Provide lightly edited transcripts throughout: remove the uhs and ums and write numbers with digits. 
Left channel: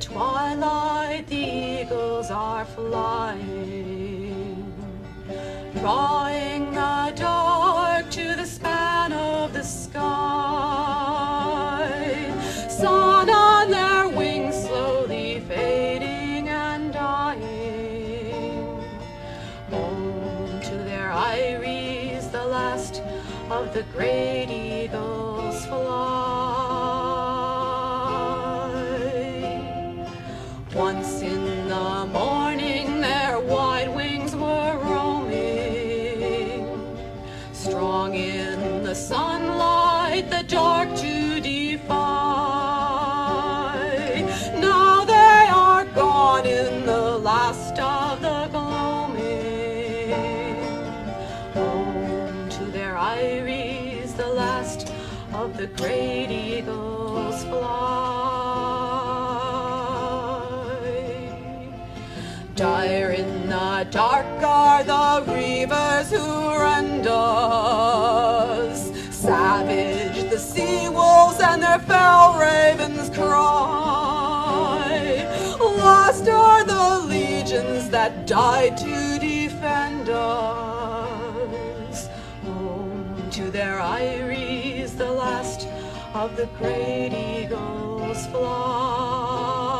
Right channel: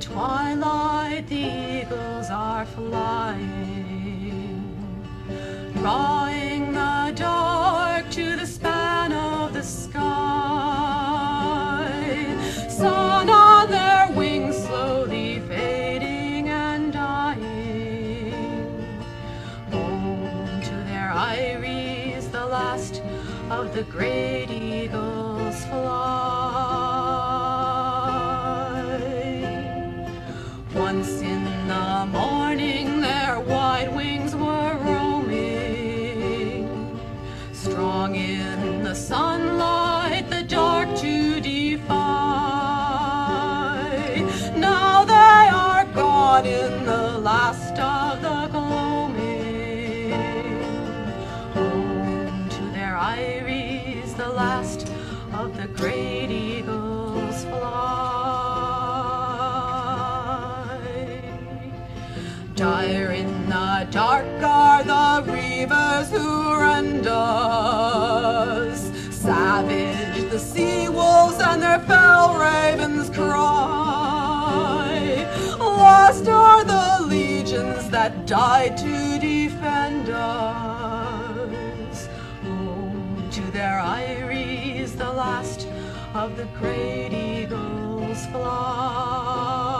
twilight the eagles are flying, drawing the dark to the span of the sky. Sun on their wings slowly fading and dying. Home to their eyries the last of the great eagles fly. Once in the morning their wide wings were roaming, strong in the sunlight the dark to defy. Now they are gone in the last of the gloaming. Home to their eyries the last of the great eagles fly. Dire in the dark are the reavers who rend us, savage the sea wolves and their fell ravens cry. Lost are the legions that died to defend us. Home to their eyries the last of the great eagles fly.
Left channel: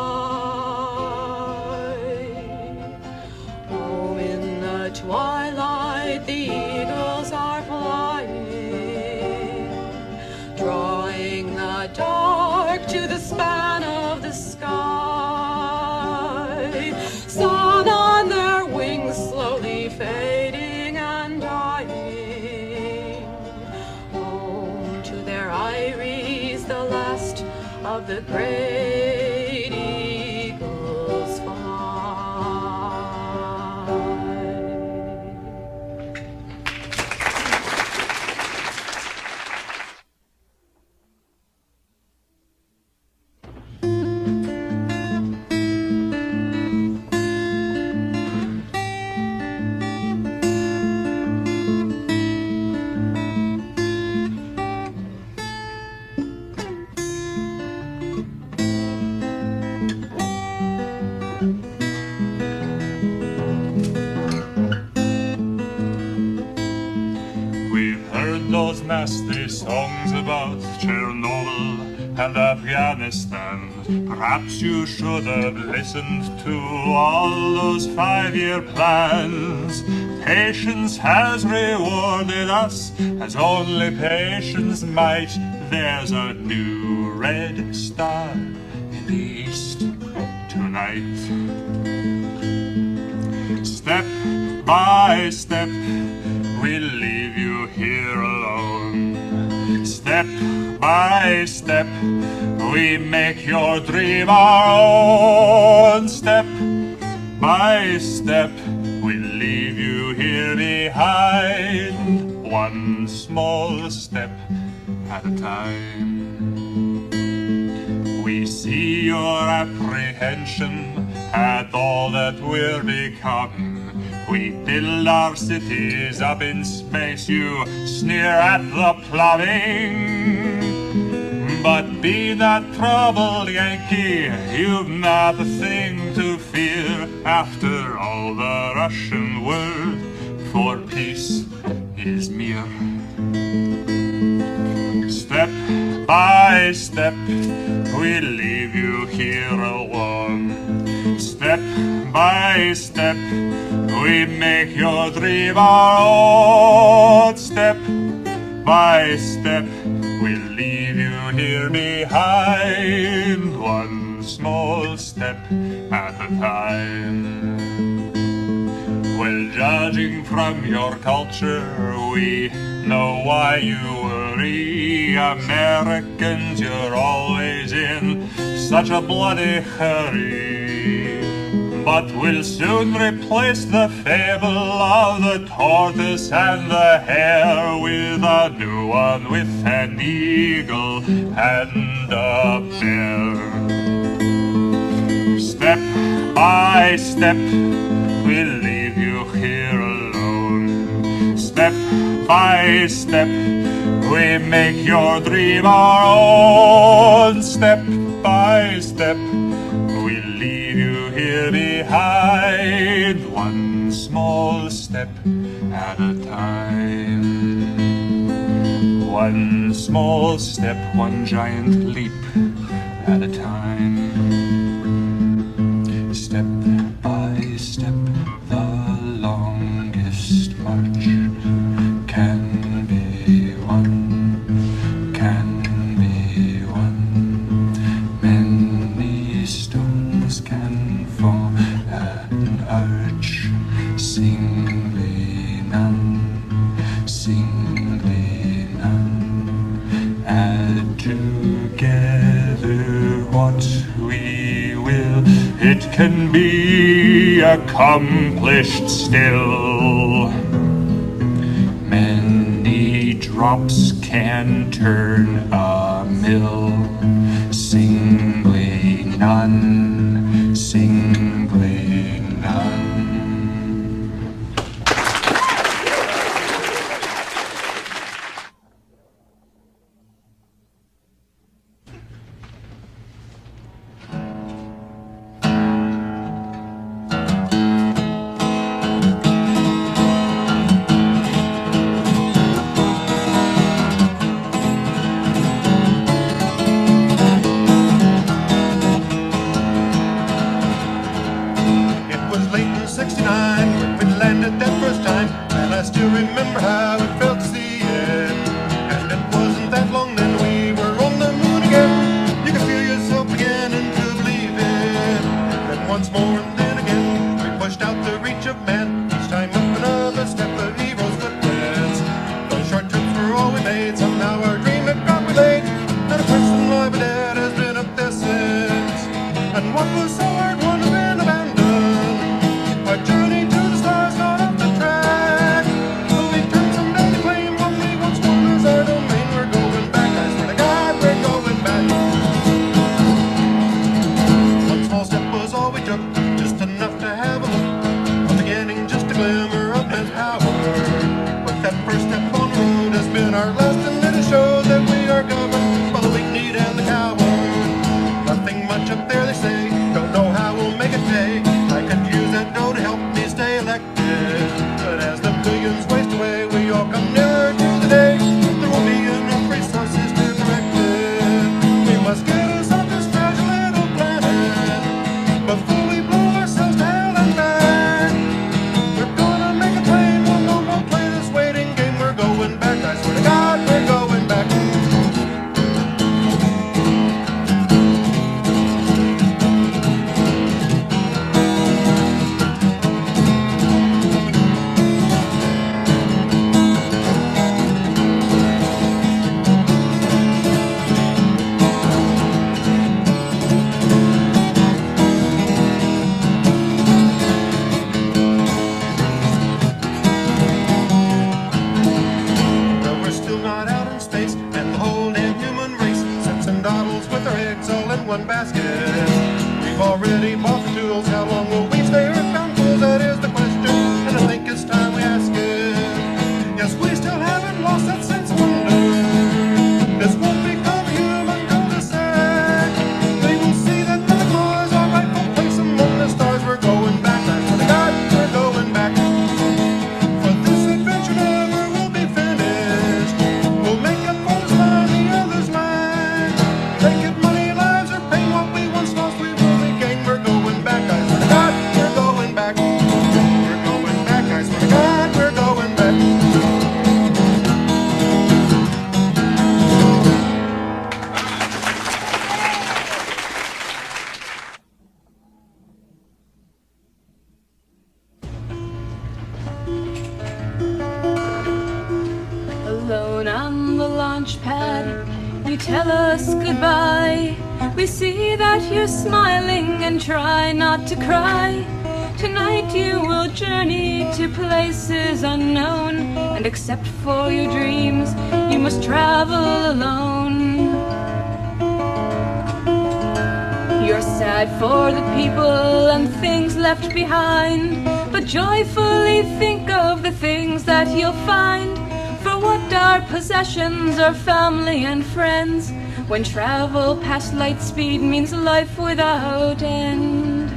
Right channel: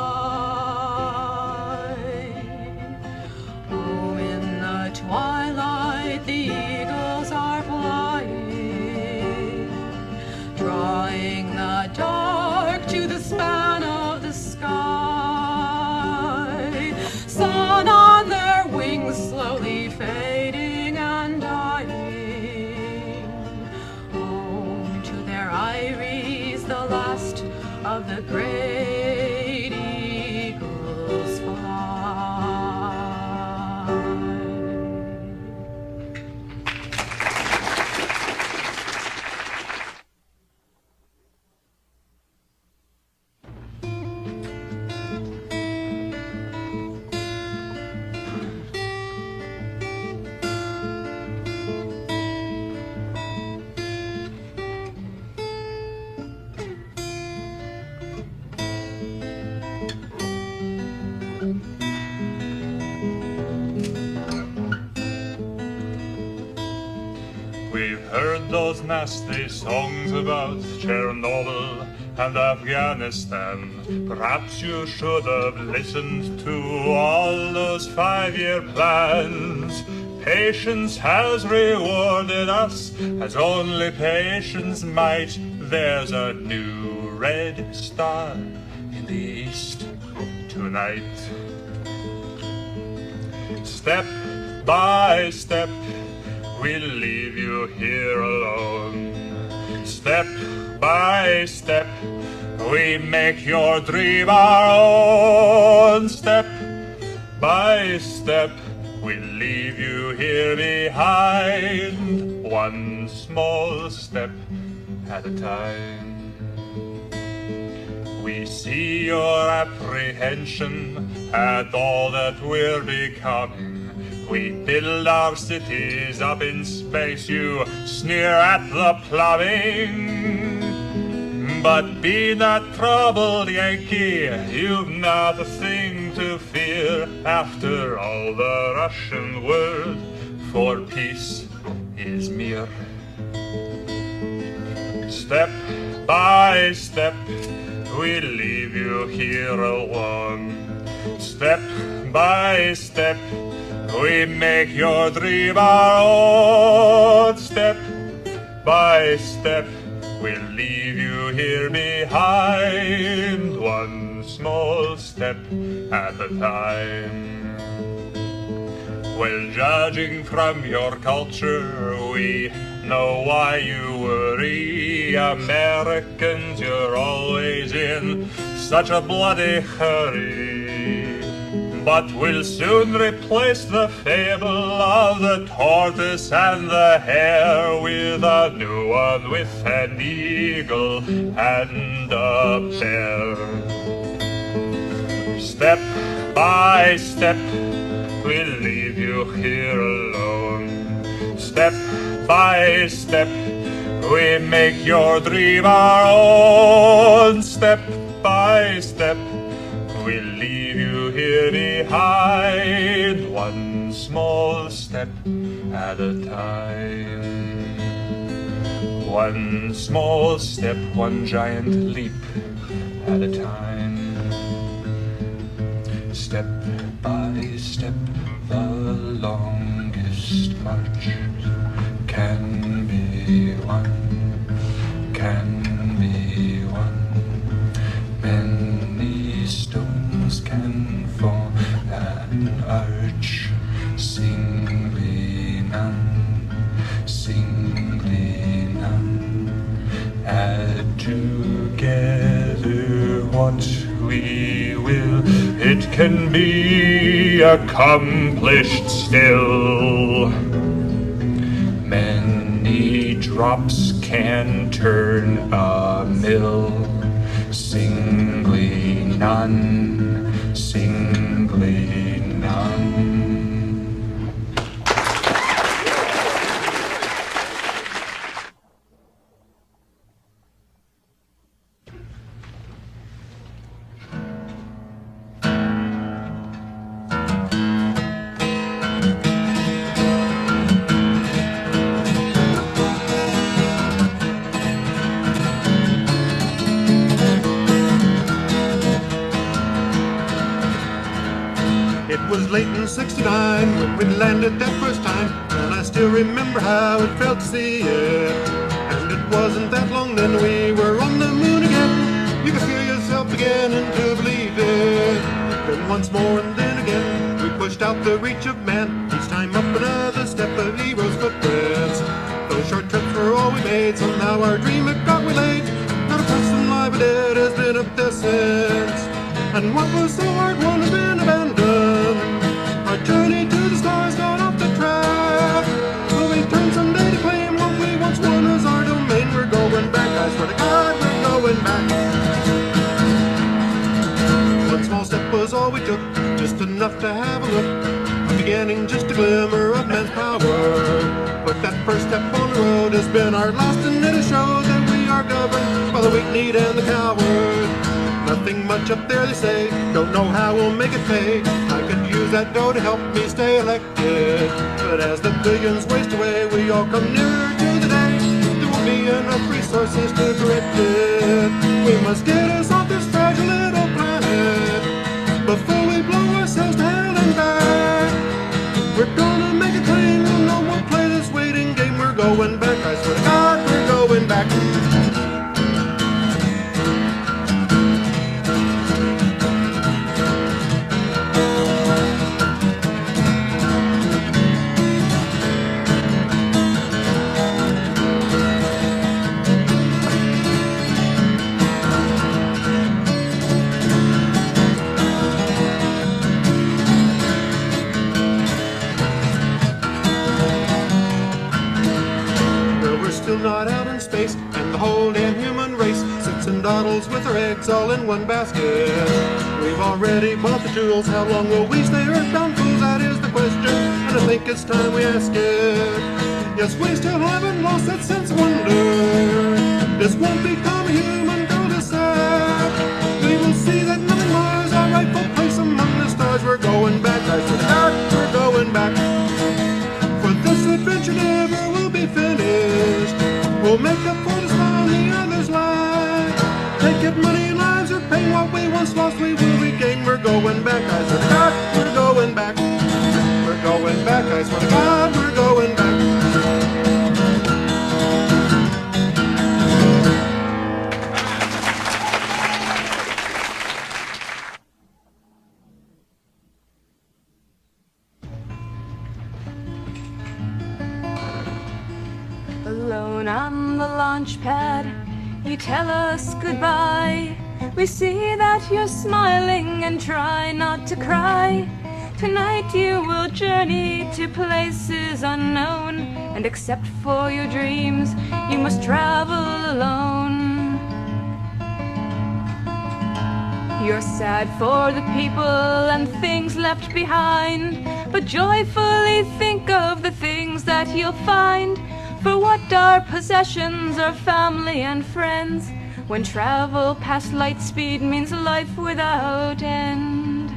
Oh, in the twilight the eagles are flying, drawing the dark to the span of the sky. Sun on their wings slowly fading and dying. Home to their eyries the last of the great eagles fly. We've heard those nasty songs about Chernobyl and Afghanistan. Perhaps you should have listened to all those 5-year plans. Patience has rewarded us as only patience might. There's a new red star in the east tonight. Step by step we'll leave you here alone. Step by step we make your dream our own. Step by step we'll leave you here behind, one small step at a time. We see your apprehension at all that we're becoming. We build our cities up in space, you sneer at the plumbing. But be not troubled, Yankee, you've not a thing to fear. After all, the Russian word for peace is mir. Step by step, we leave you here alone. Step by step, we make your dream our own. Step by step, we'll leave you here behind, one small step at a time. Well, judging from your culture, we know why you worry. Americans, you're always in such a bloody hurry. But we'll soon replace the fable of the tortoise and the hare with a new one with an eagle and a bear. Step by step, we'll leave you here alone. Step by step, we make your dream our own. Step by step, we'll leave you here behind, one small step at a time. One small step, one giant leap at a time. Step by step, the longest march can be won, can be won. Many stones can fall an arch, singly none, singly none. Add together what we will, it can be accomplished still. Many drops can turn a mill, singly none, singly none. That first time, and I still remember how it felt to see it. And it wasn't that long then we were on the moon again. You could feel yourself beginning to believe it. Then once more and then again, we pushed out the reach of man. Each time up another step of heroes' footprints. Those short trips were all we made. Somehow our dream had got relayed. Not a person alive or dead has been up there since. And what was so hard won't have been abandoned. Our journey to the stars got off the track. Will we turn someday to claim what we once won as our domain? We're going back, I swear to God, we're going back. One small step was all we took, just enough to have a look. A beginning, just a glimmer of man's power. But that first step on the road has been our last, and it has showed that we are governed by the weak, need, and the coward. Nothing much up there, they say, don't know how we'll make it pay. I could use that vote to help me stay elected. But as the billions waste away, we all come nearer to the day there won't be enough resources to direct it. We must get us off this fragile little planet before we blow ourselves to hell and back. We're gonna make a train, no more play this waiting game. We're going back, I swear to God, we're going back. All in one basket. We've already bought the tools. How long will we stay earthbound fools? That is the question, and I think it's time we ask it. Yes, we still haven't lost that sense of wonder. This won't become a human cul-de-sac. We will see that nothing was our rightful place among the stars. We're going back, I swear to God, we're going back. For this adventure never will be finished. We'll make up for the time the others lack. Take it money. What we once lost, we will regain. We're going back, I swear to God, we're going back. We're going back, I swear to God, we're going back. Alone on the launch pad, you tell us goodbye. We see that you're smiling and try not to cry. Tonight you will journey to places unknown, and except for your dreams, you must travel alone. You're sad for the people and things left behind, but joyfully think of the things that you'll find. For what are possessions or family and friends when travel past light speed means life without end.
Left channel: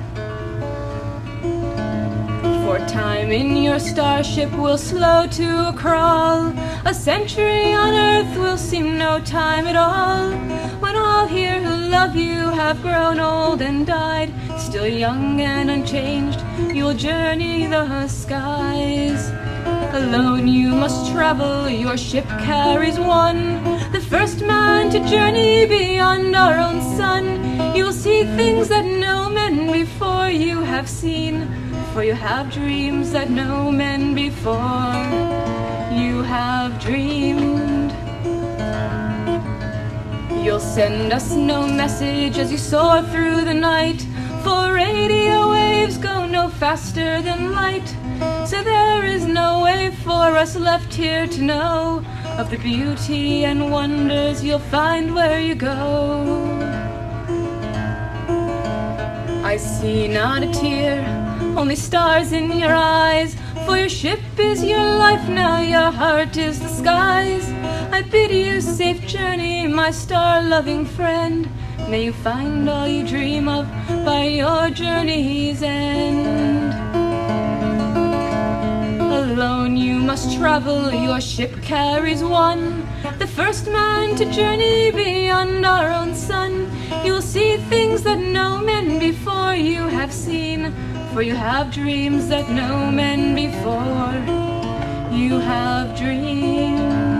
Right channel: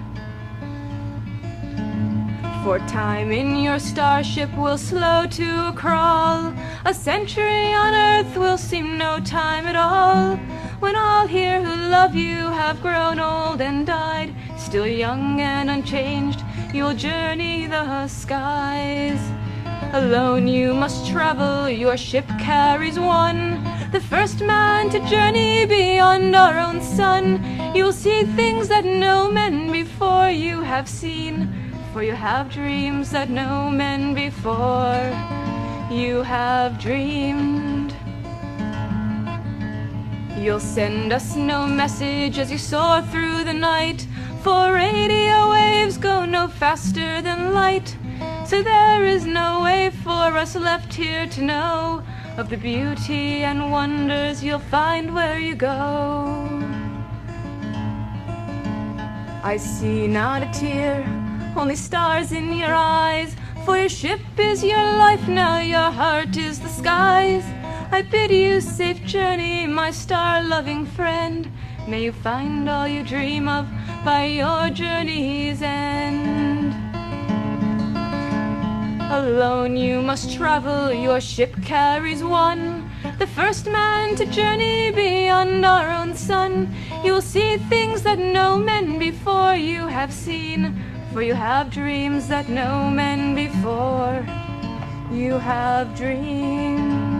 For time in your starship will slow to a crawl. A century on Earth will seem no time at all. When all here who love you have grown old and died, still young and unchanged, you'll journey the skies. Alone you must travel, your ship carries one, the first man to journey beyond our own sun. You'll see things that no men before you have seen, for you have dreams that no men before you have dreamed. You'll send us no message as you soar through the night, for radio waves go no faster than light. So there is no way for us left here to know of the beauty and wonders you'll find where you go. I see not a tear, only stars in your eyes, for your ship is your life now, your heart is the skies. I bid you safe journey, my star-loving friend. May you find all you dream of by your journey's end. Alone you must travel, your ship carries one, the first man to journey beyond our own sun. You'll see things that no men before you have seen, for you have dreams that no men before you have dreamed.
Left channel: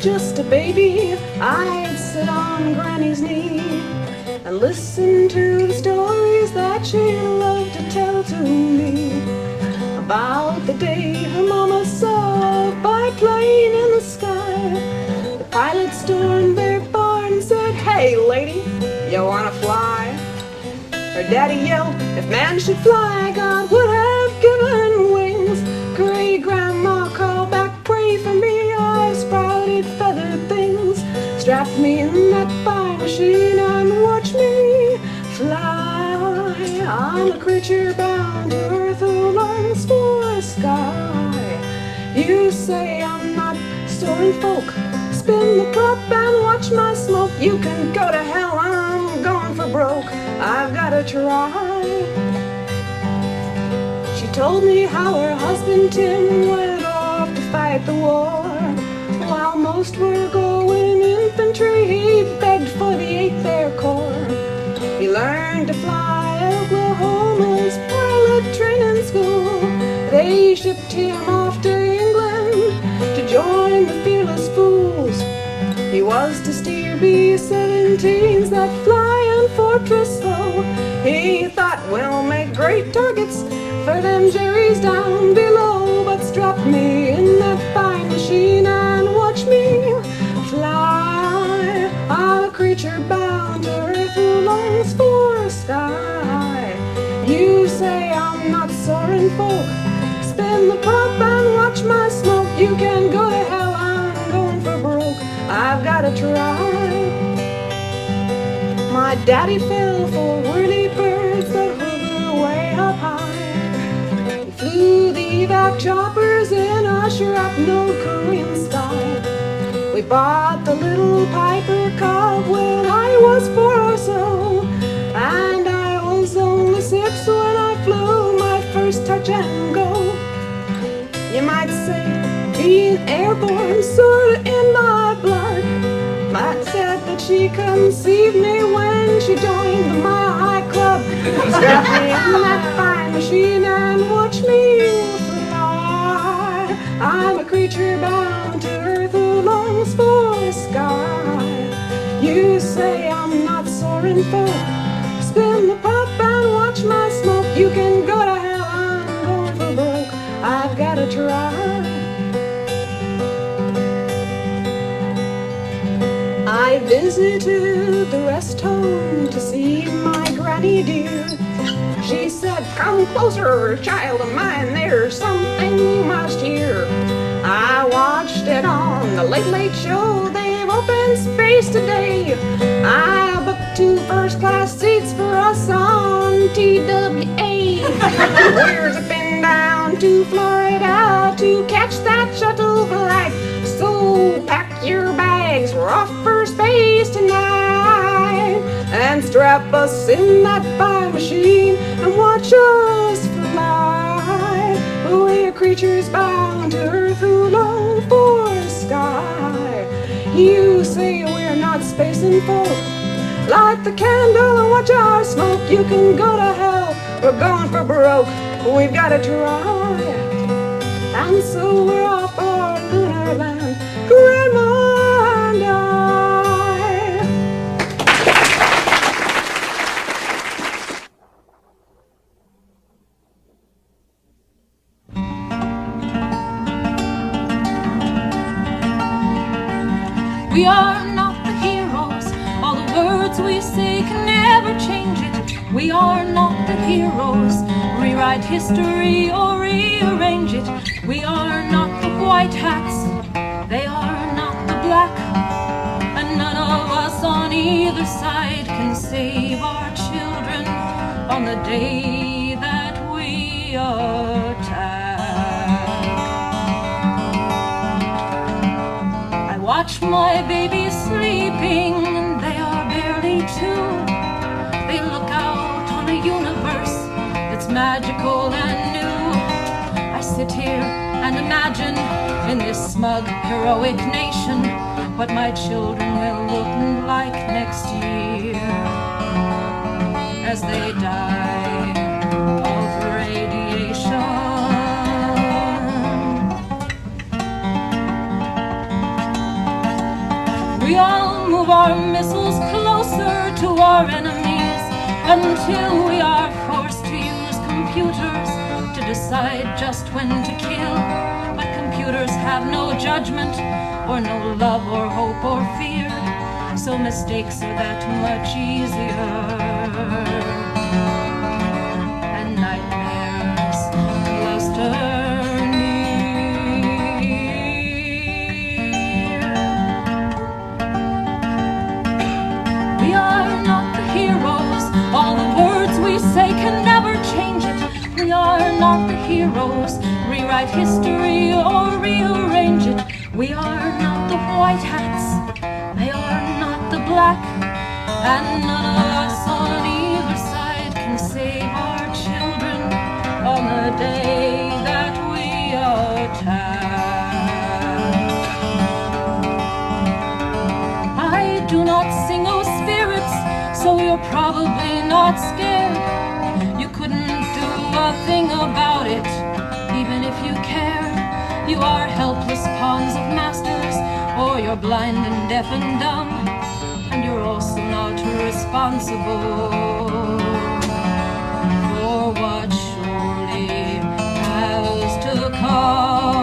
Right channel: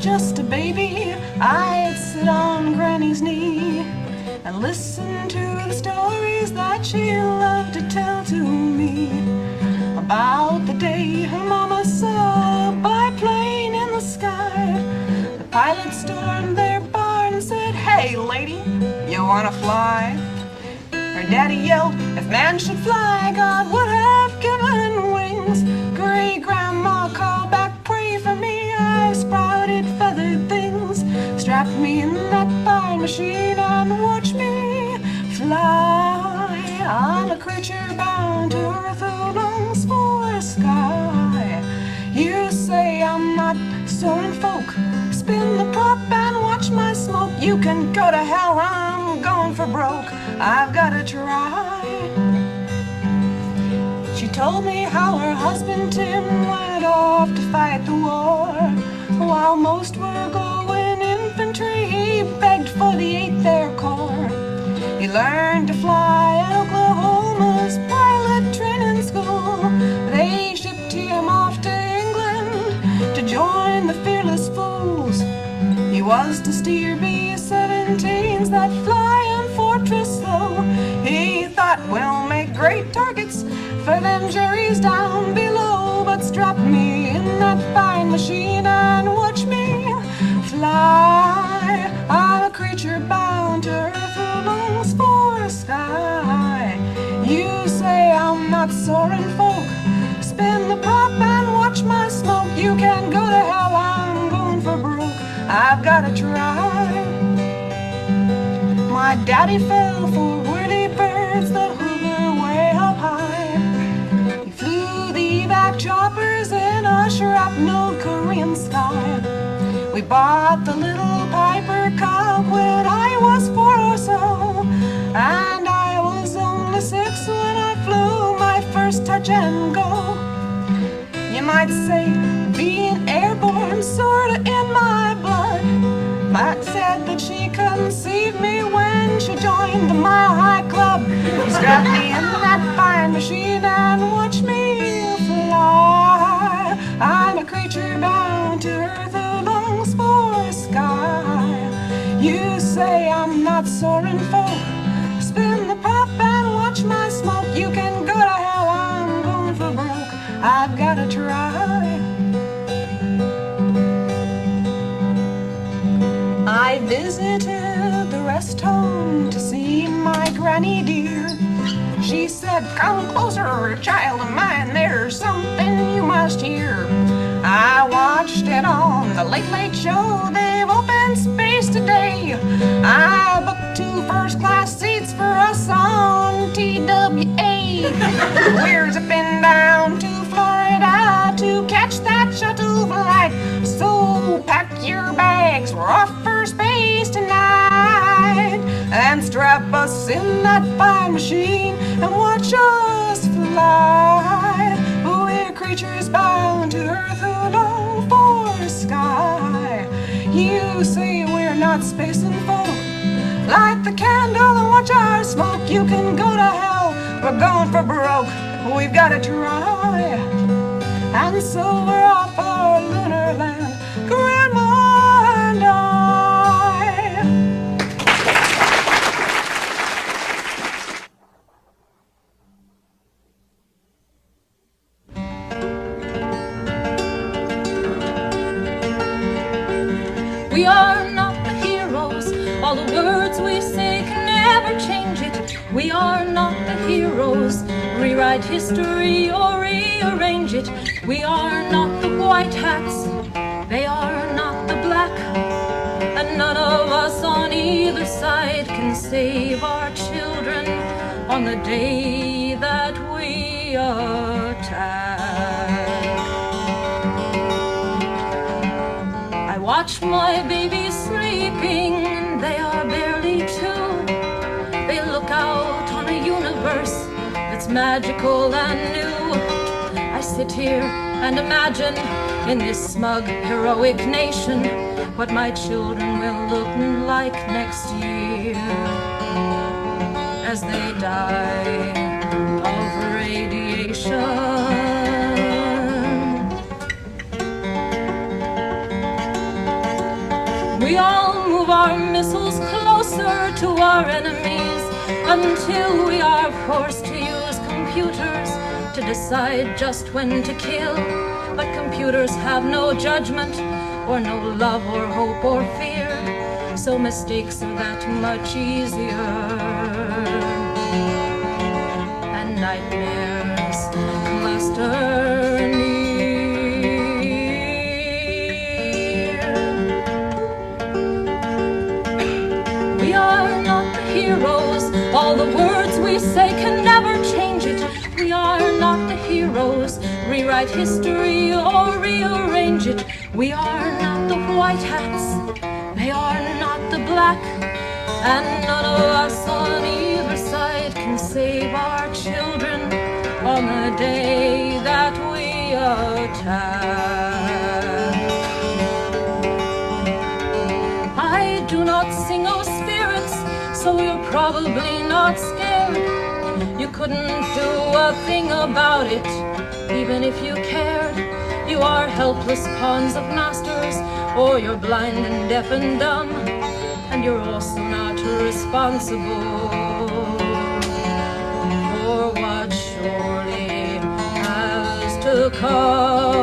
Just a baby, I'd sit on Granny's knee and listen to the stories that she loved to tell to me about the day her mama saw a biplane in the sky. The pilot stormed their barn and said, "Hey lady, you wanna fly?" Her daddy yelled, "If man should fly, God would have given wings." Great grandma called back, "Pray for me, I've sprouted feathered things." Strap me in that flying machine and watch me fly. I'm a creature bound to earth who longs for a sky. You say I'm not soaring folk, spin the top and watch my smoke. You can go to hell, I'm going for broke, I've gotta try. She told me how her husband Tim went off to fight the war. While most were going infantry, he begged for the 8th Air Corps. He learned to fly at Oklahoma's pilot training school. They shipped him off to England to join the fearless fools. He was to steer B-17s that fly in Fortress Slow. He thought, we'll make great targets for them Jerry's down below. But strap me in that fine machine and watch me fly. I'm a creature bound to earth who longs for a sky. You say I'm not soaring folk, spin the prop and watch my smoke. You can go to hell, I'm going for broke, I've gotta try. My daddy fell for whirly birds that hover way up high. He flew the evac choppers in a shrapnel Korean sky. We bought the little Piper Cub when I was 4 or so, and I was only 6 when I flew my first touch and go. You might say being airborne sorta in my blood. Matt said that she conceived me when she joined the Mile High Club. Strap me in that fine machine and watch me fly. I'm a creature bound to earth who longs for a sky. You say I'm not soaring folk, spin the pop and watch my smoke. You can go to hell, I'm going for broke, I've gotta try. I visited the rest home to see my granny dear. She said, come closer, child of mine, there's something you must hear. I watched it on the Late Late Show, they've opened space today. I booked We're zipping down to Florida to catch that shuttle flight. So pack your bags, we're off for space tonight. And strap us in that flying machine and watch us fly. We're creatures bound to earth who long for the sky. You say we're not spacing folk. Light the candle and watch our smoke. You can go to hell, we're going for broke. We've got to try. And so we're off for lunar land, Grandma and I. We are not the heroes, all the words we say can never change it. We are not the heroes, rewrite history or rearrange it. We are not the white hats, they are not the black. And none of us on either side can save our children on the day that we attack. I watch my babies sleeping, and they are barely 2. They look out on a universe that's magical and new. I sit here and imagine in this smug, heroic nation what my children will look like next year as they die of radiation. We all move our missiles closer to our enemies until we are forced to use computers to decide just when to kill. But computers have no judgment, or no love, or hope, or fear, so mistakes are that much easier. And nightmares cluster near. We are not the heroes, all the words we say can never change it. We are not the heroes, rewrite history or rearrange it. We are not the white hats, they are not the black. And none of us on either side can save our children on the day that we attack. I do not sing, oh spirits, so you're probably not scared. You couldn't do a thing about it, even if you cared. You are helpless pawns of masters, or you're blind and deaf and dumb, and you're also not responsible for what surely has to come.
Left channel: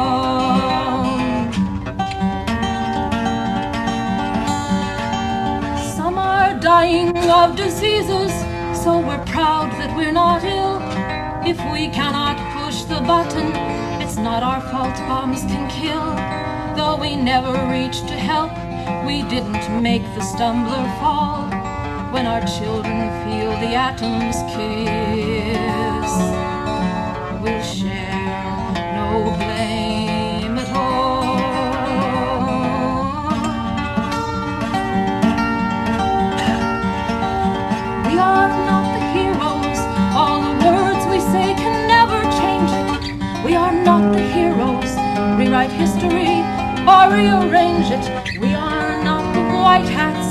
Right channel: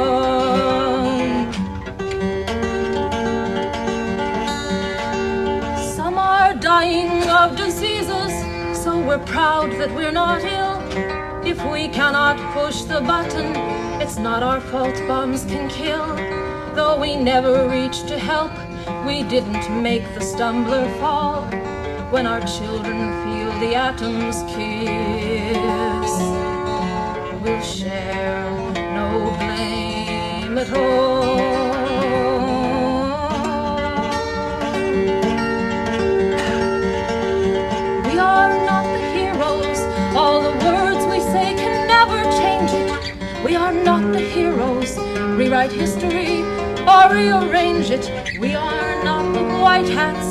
Some are dying of diseases, so we're proud that we're not ill. If we cannot push the button, it's not our fault bombs can kill. Though we never reached to help, we didn't make the stumbler fall. When our children feel the atoms kiss, we'll share no blame at all. We are not the heroes, all the words we say can never change it. We are not the heroes, rewrite history or rearrange it. We are not the white hats,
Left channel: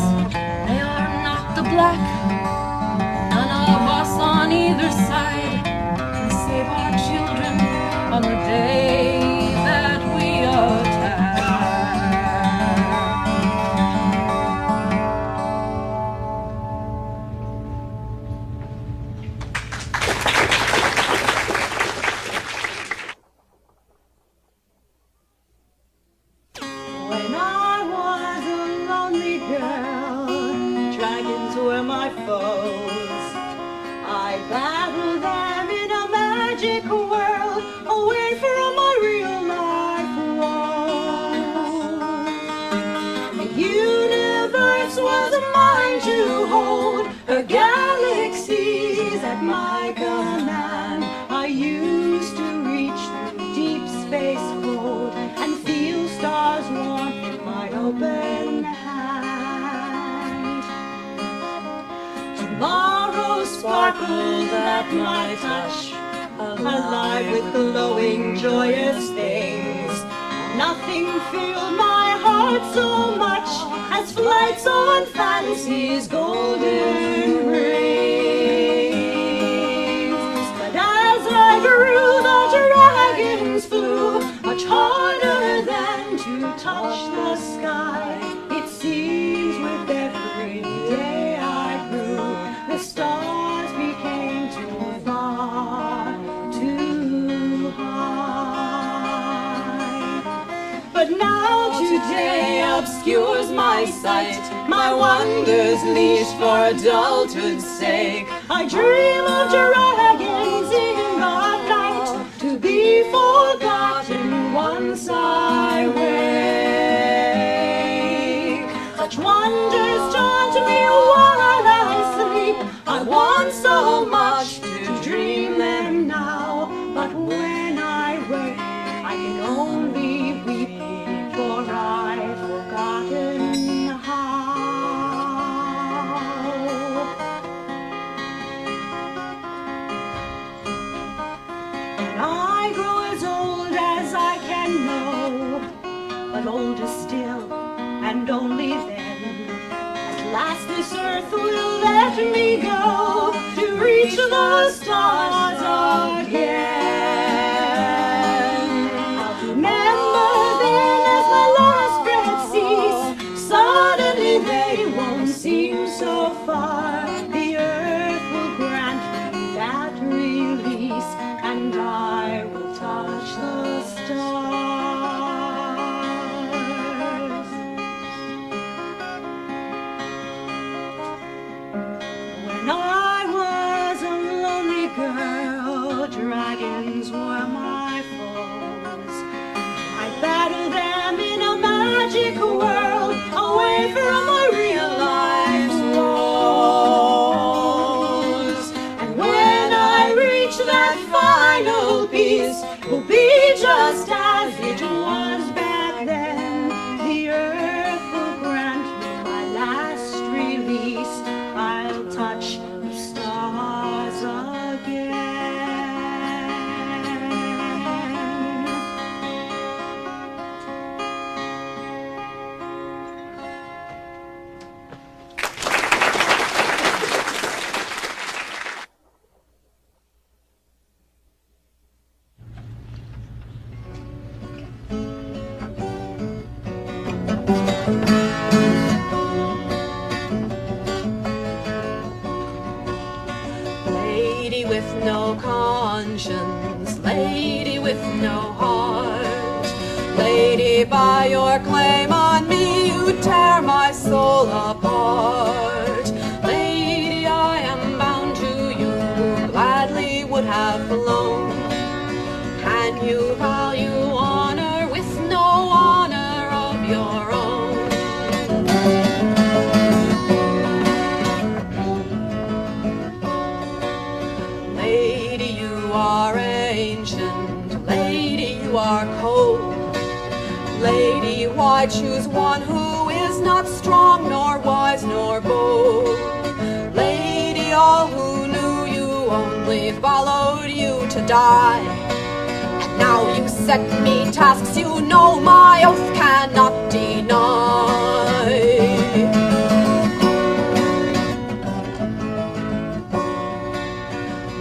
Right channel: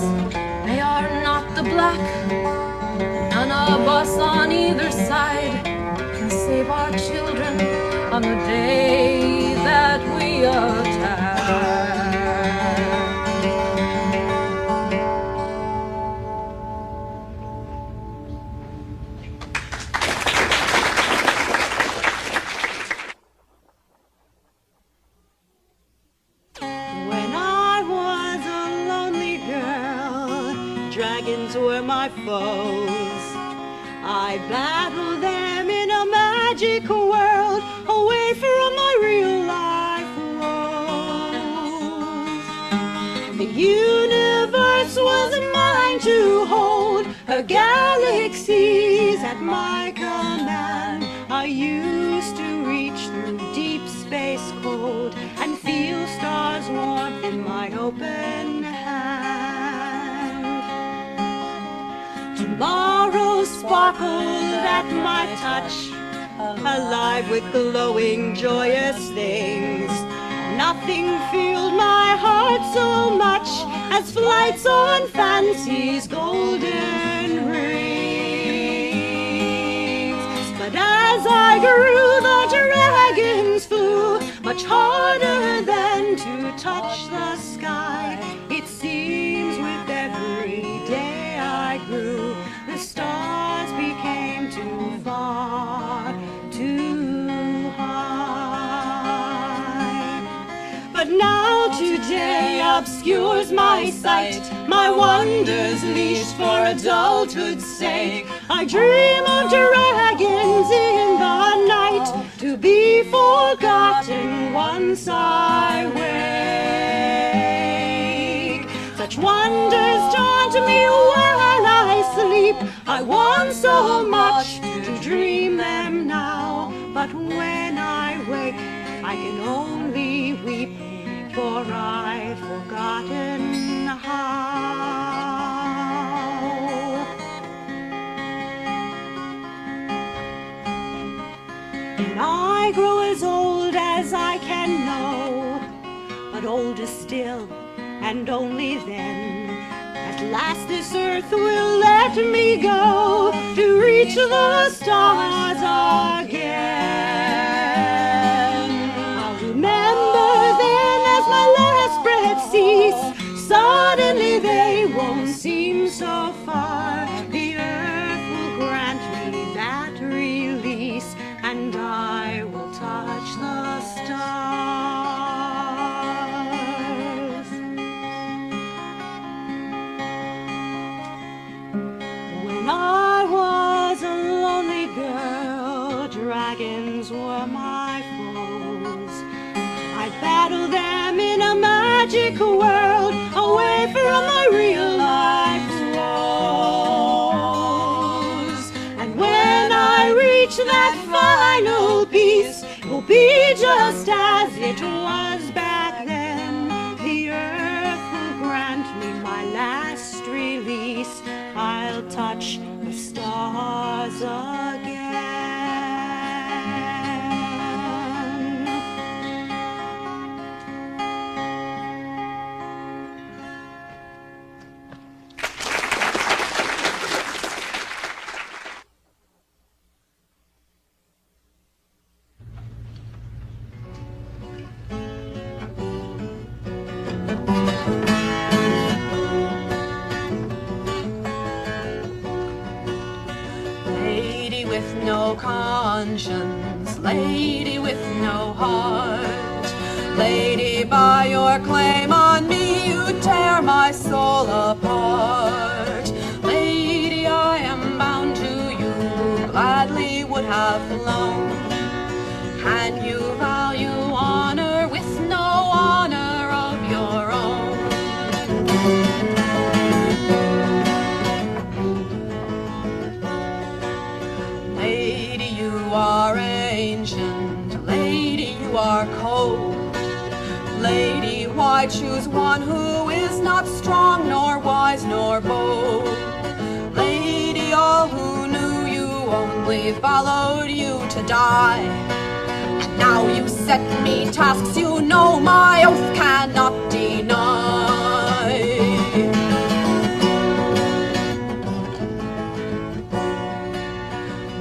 they are not the black. None of us on either side can save our children on the day that we attack. hold and feel stars warmth in my open hand. Tomorrow sparkled at my touch, alive with glowing, joyous things. Nothing filled my heart so much as flights on fancy's golden rings. But as I grew, the dragons flew much harder than to touch the sky. It seems with every day I grew, the stars became too far, too high. But now today obscures my sight, my wonders leashed for adulthood's sake. I dream of dragons in the night, to be forgotten once I wake. Such wonders daunt me while I sleep. I want so much to dream them now, but when I wake, I can only weep, for I've forgotten how. And I grow as old as I can know, but older still, and only then. At last this earth will let me go to reach the stars again. I'll remember then as my last breath cease, suddenly they won't seem so far. The earth will grant me that release, and I will touch the stars. When I was a lonely girl, dragons were my foes. I battled them in a magic world, away from my real life woes. And when I reach that final peace, it will be just as it was back then. The earth will grant me my last release. I'll touch the stars again. Lady with no conscience, lady with no heart, lady, by your claim on me you tear my soul apart. Lady, I am bound to you, who gladly would have flown. Can you value honor with no honor of your own? Lady, you are ancient, lady, you are cold. Lady, why choose one who is not strong, nor wise, nor bold? Lady, all who knew you only followed you to die. And now you set me tasks you know my oath cannot deny.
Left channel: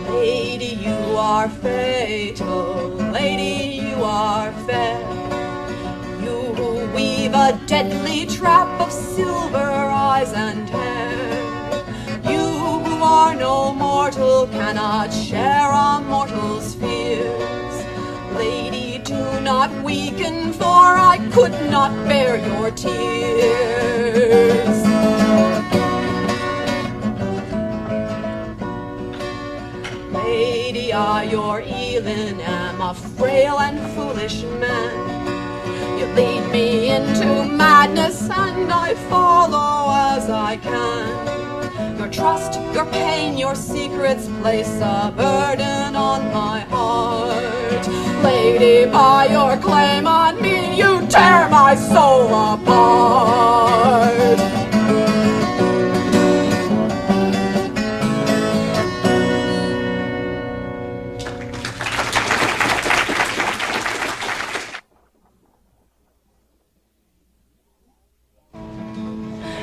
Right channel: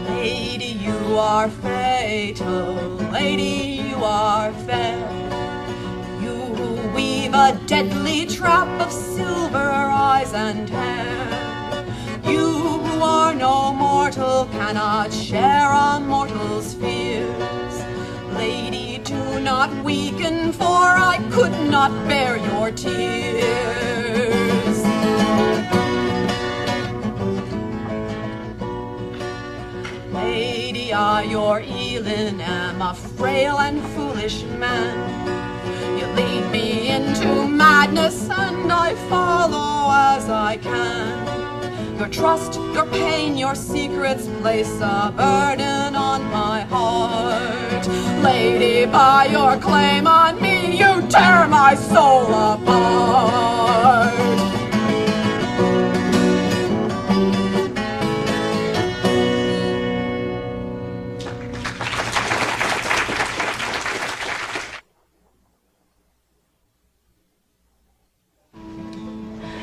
Lady, you are fatal, lady, you are fair. You who weave a deadly trap of silver eyes and hair. You who are no mortal, cannot share a mortal's fears. Lady, do not weaken, for I could not bear your tears. Lady, I, your Ilin, am a frail and foolish man. You lead me into madness, and I follow as I can. your trust, your pain, your secrets place a burden on my heart. Lady, by your claim on me, you tear my soul apart.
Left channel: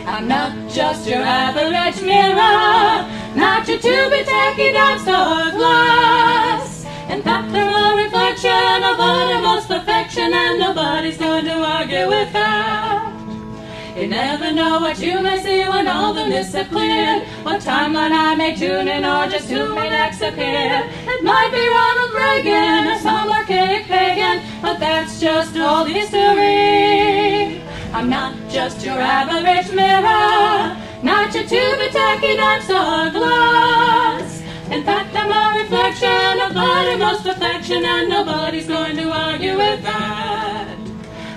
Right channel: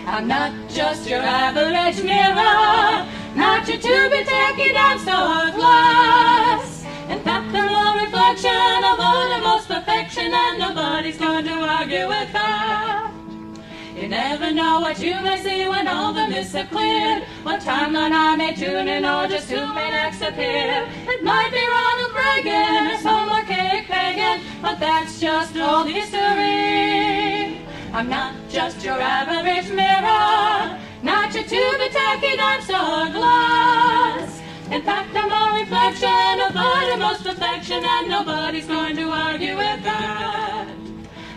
I'm not just your average mirror, not your to-be tacky dog-store glass. In fact, they're a reflection of uttermost perfection, and nobody's going to argue with that. You never know what you may see when all the mists have cleared, what timeline I may tune in, or just who may next appear. It might be Ronald Reagan or some archaic pagan, but that's just old history. I'm not just your average mirror, not your to-be tacky dinosaur glass. In fact, I'm a reflection of uttermost perfection, and nobody's going to argue with that.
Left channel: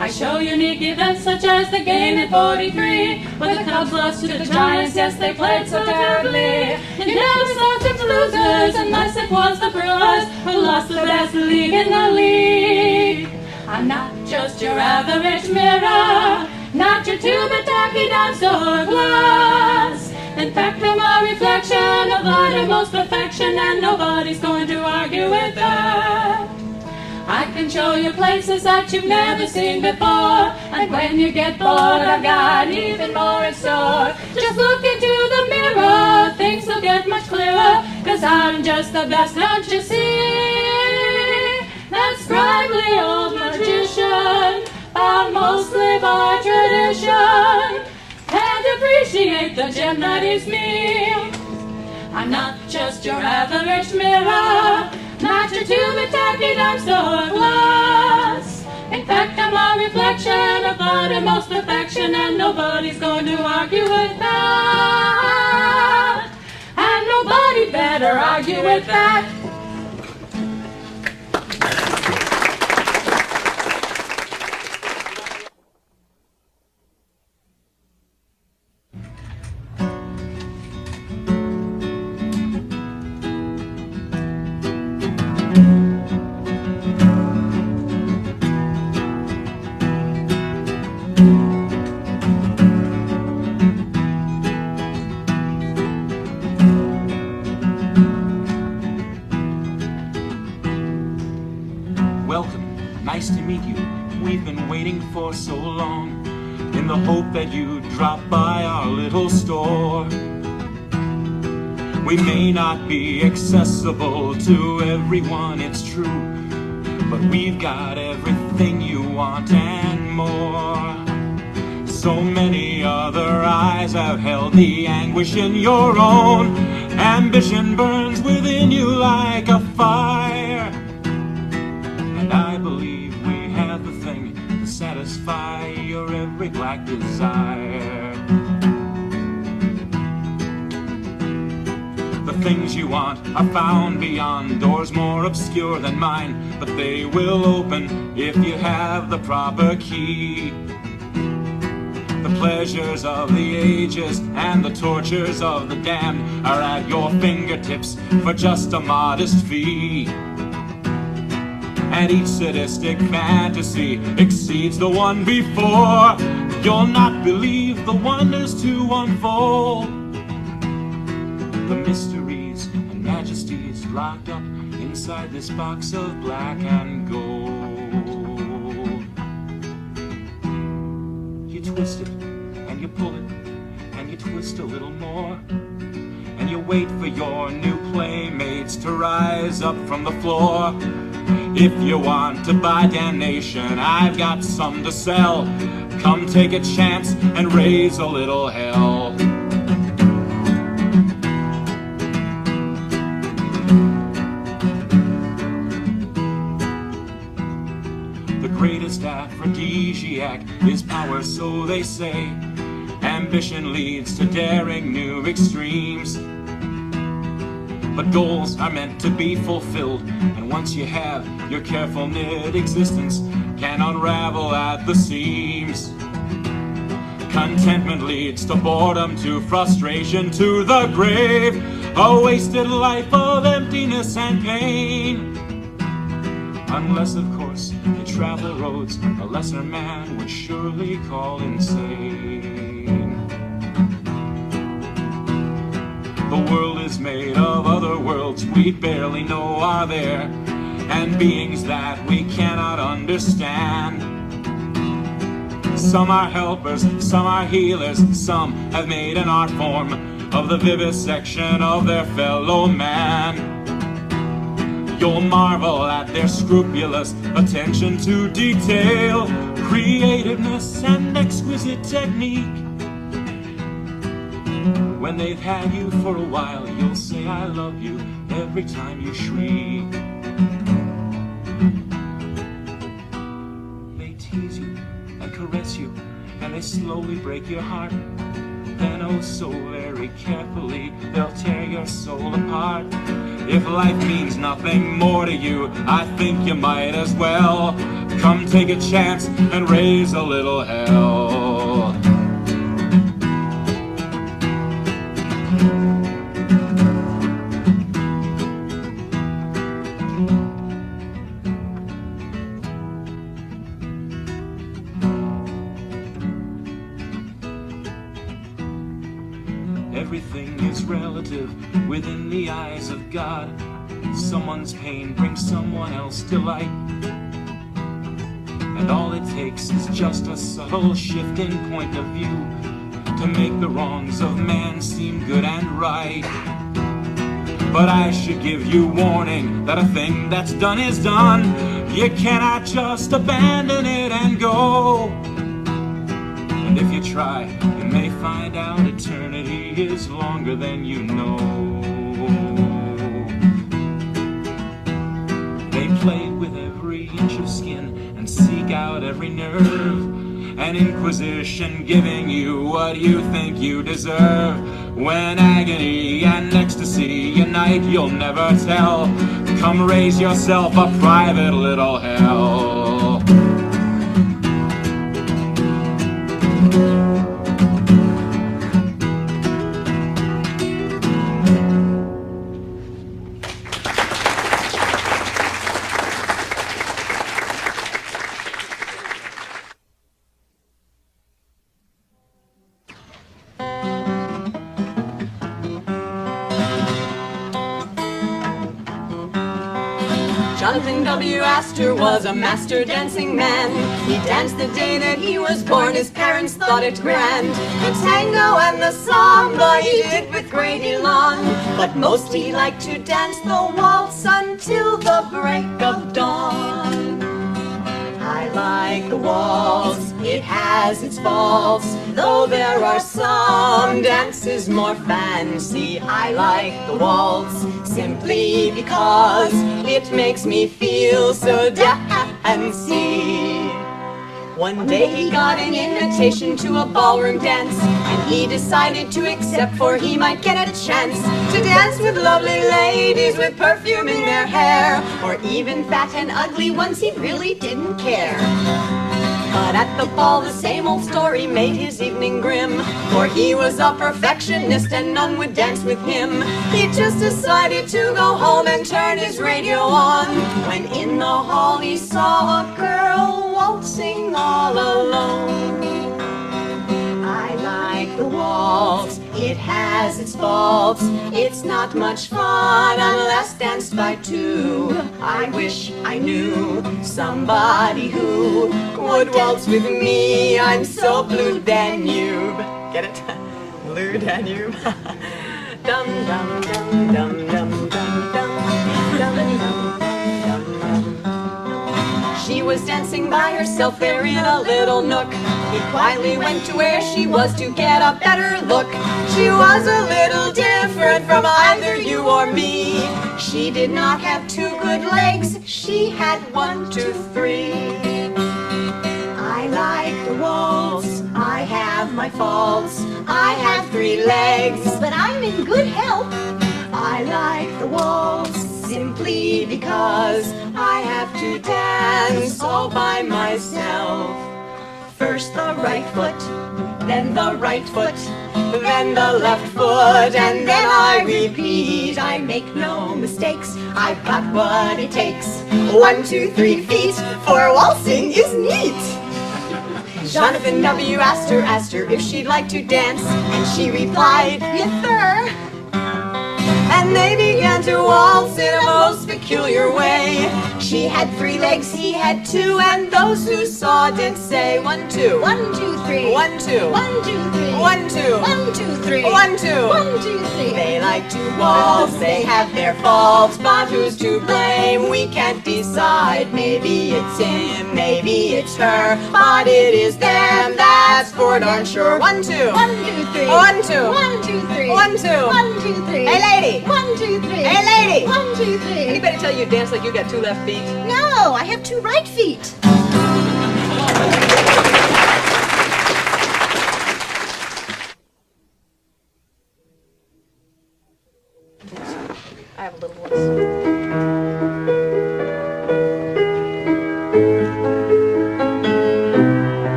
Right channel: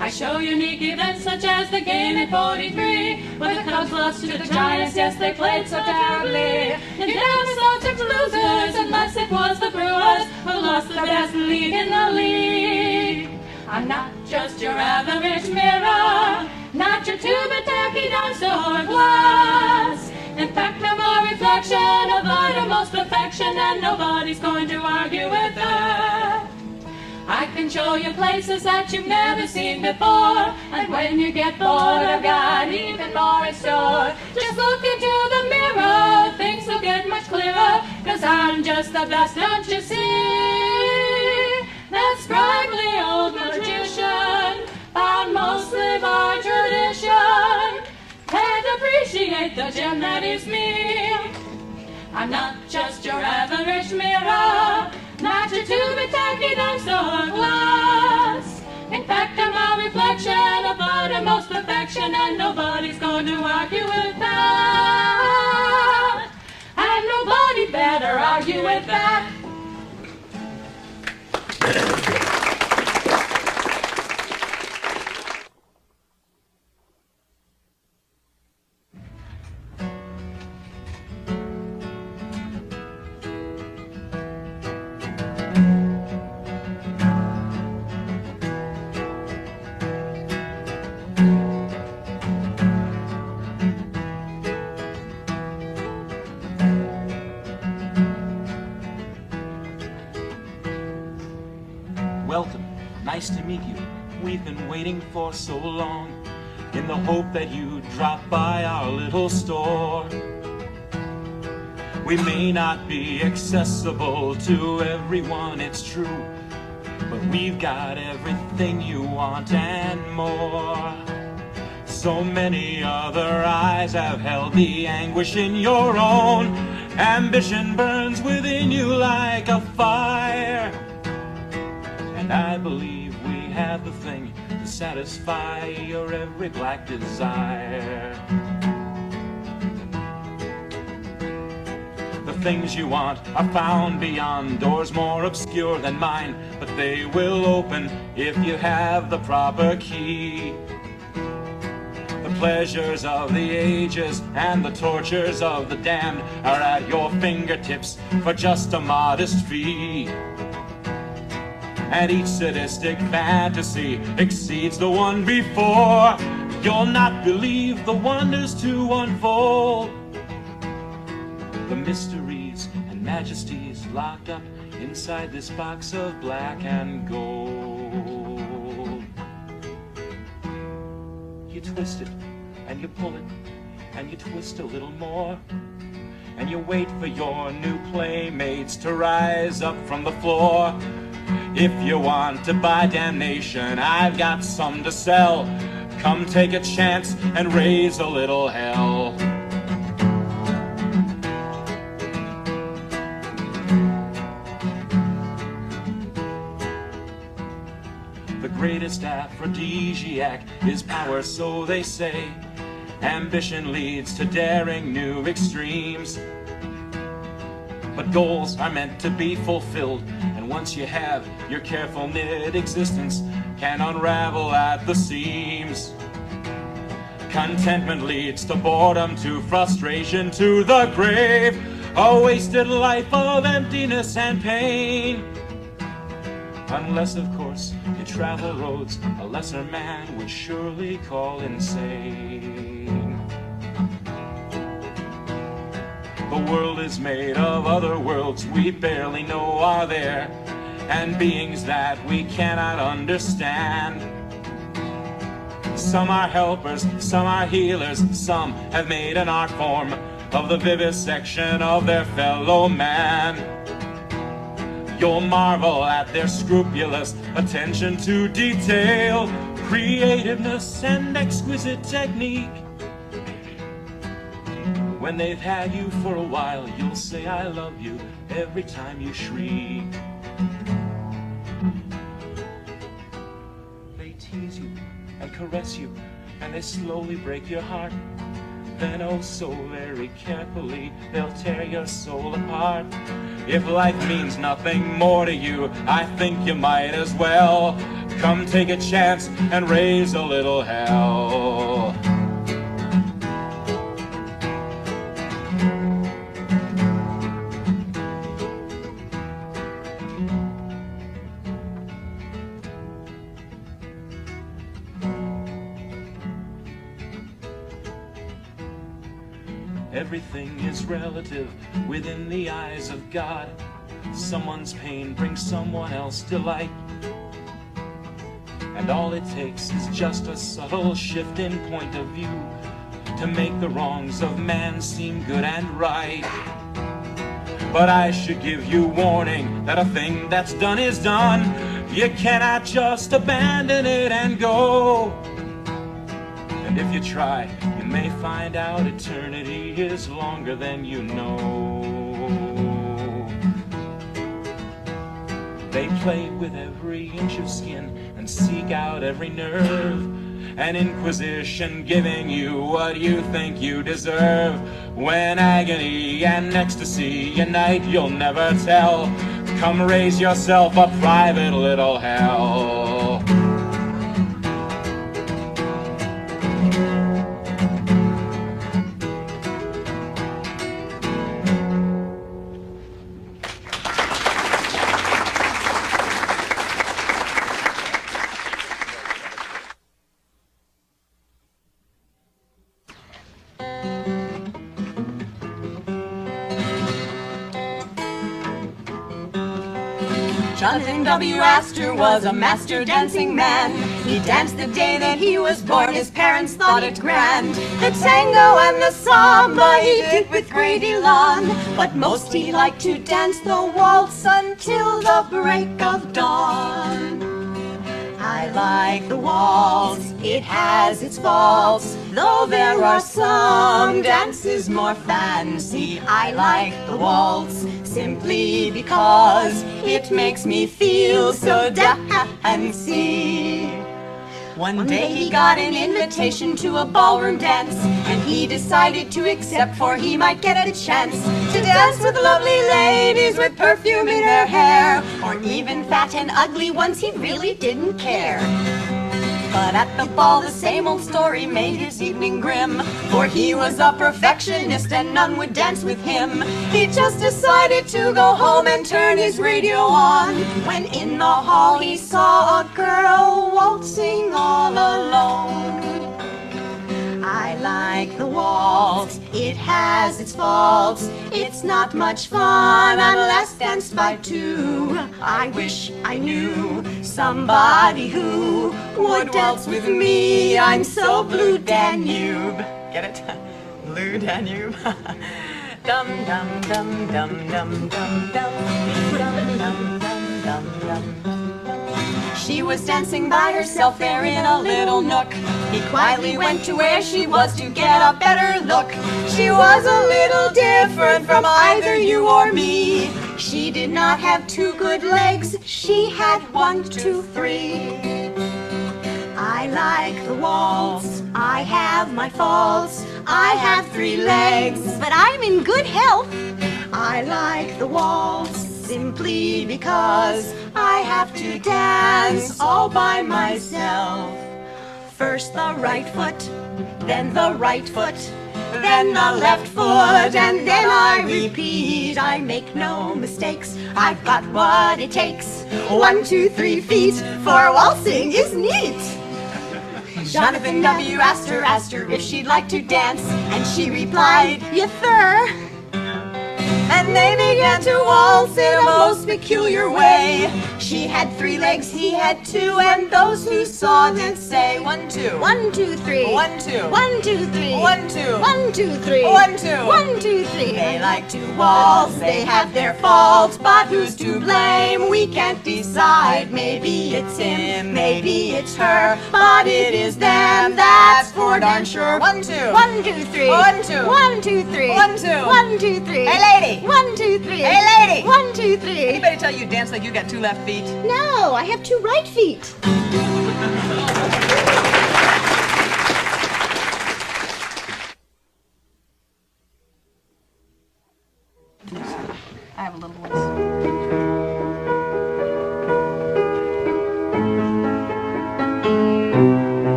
I show unique events such as the game in 43, where the Cubs lost to the Giants, yes, they played so terribly. You never saw such losers unless it was the Brewers, who lost the best league in the league. I'm not just your average mirror, not your to-be tacky dinosaur glass. In fact, I'm a reflection of uttermost perfection, and nobody's going to argue with that. I can show you places that you've never seen before, and when you get bored, I've got even more in store. Just look into the mirror, things will get much clearer, 'cause I'm just the best, don't you see? That sprightly old magician, bound mostly by tradition, can't appreciate the gem that is me. I'm not just your average mirror, not your to-be tacky dinosaur glass. In fact, I'm a reflection of uttermost perfection, and nobody's going to argue with that. And nobody better argue with that. Nice to meet you. We've been waiting for so long, in the hope that you'd drop by our little store. We may not be accessible to everyone, it's true, but we've got everything you want and more. So many other eyes have held the anguish in your own. Ambition burns within you like a fire, and I believe we have the thing to satisfy your every black desire. The things you want are found beyond doors more obscure than mine, but they will open if you have the proper key. The pleasures of the ages and the tortures of the damned are at your fingertips for just a modest fee. And each sadistic fantasy exceeds the one before. You'll not believe the wonders to unfold, the mysteries and majesties locked up inside this box of black and gold. You twist it, and you pull it, and you twist a little more, and you wait for your new playmates to rise up from the floor. If you want to buy damnation, I've got some to sell. Come take a chance and raise a little hell. The greatest aphrodisiac is power, so they say. Ambition leads to daring new extremes, but goals are meant to be fulfilled, and once you have, your careful knit existence can unravel at the seams. Contentment leads to boredom, to frustration, to the grave. A wasted life of emptiness and pain. Unless, of course, you travel roads a lesser man would surely call insane. The world is made of other worlds we barely know are there, and beings that we cannot understand. Some are helpers, some are healers, some have made an art form of the vivisection of their fellow man. You'll marvel at their scrupulous attention to detail, creativeness and exquisite technique. When they've had you for a while, you'll say I love you every time you shriek. They tease you and caress you, and they slowly break your heart. Then oh so very carefully, they'll tear your soul apart. If life means nothing more to you, I think you might as well come take a chance and raise a little hell. Everything is relative within the eyes of God. Someone's pain brings someone else delight. And all it takes is just a subtle shift in point of view to make the wrongs of man seem good and right. But I should give you warning that a thing that's done is done. You cannot just abandon it and go. And if you try, you may find out eternity is longer than you know. They play with every inch of skin and seek out every nerve. An inquisition giving you what you think you deserve. When agony and ecstasy unite, you'll never tell. Come raise yourself a private little hell. Jonathan W. Astor was a master dancing man. He danced the day that he was born. His parents thought it grand. The tango and the samba he did with great elan. But most he liked to dance the waltz until the break of dawn. I like the waltz, it has its faults. Though there are some dances more fancy, I like the waltz simply because it makes me feel so dancy. One day he got an invitation to a ballroom dance, and he decided to accept, for he might get a chance to dance with lovely ladies with perfume in their hair, or even fat and ugly ones. He really didn't care. But at the ball the same old story made his evening grim, for he was a perfectionist and none would dance with him. He just decided to go home and turn his radio on, when in the hall he saw a girl waltzing all alone. I like the waltz, it has its faults. It's not much fun unless danced by two. I wish I knew somebody who would waltz with me. I'm so blue Danube. Get it? Blue Danube. Dum dum dum dum dum dum dum dum dum dum dum. She was dancing by herself there in a little nook. He quietly went to where she was to get a better look. She was a little different from either you or me. She did not have two good legs, she had 1, 2, 3. I like the waltz, I have my faults. I have 3 legs, but I'm in good health. I like the waltz simply because I have to dance all by myself. First the right foot, then the right foot, then the left foot, and then I repeat. I make no mistakes, I've got what it takes. 1, 2, 3 feet, for waltzing is neat. Jonathan W. asked her if she'd like to dance, and she replied, yes sir. And they began to waltz in a most peculiar way. She had 3 legs, he had 2, and those who saw did say 1, 2. 1, 2, 3. 1, 2. 1, 2, 3. 1, 2. 1, 2, 3. 1, 2. 1, 2, 3. They like to waltz, they have their faults, but who's to blame? We can't decide. Maybe it's him, maybe it's her, but it is them, that's for darn sure. 1, 2. 1, 2, 3. 1, 2. 1, 2, 3. 1, 2. 1, 2, 3. Hey lady. 1, 2, 3. Hey lady. 1, 2, 3. Anybody tell you to dance like you got 2 left feet? No, I have 2 right feet. I have a little voice.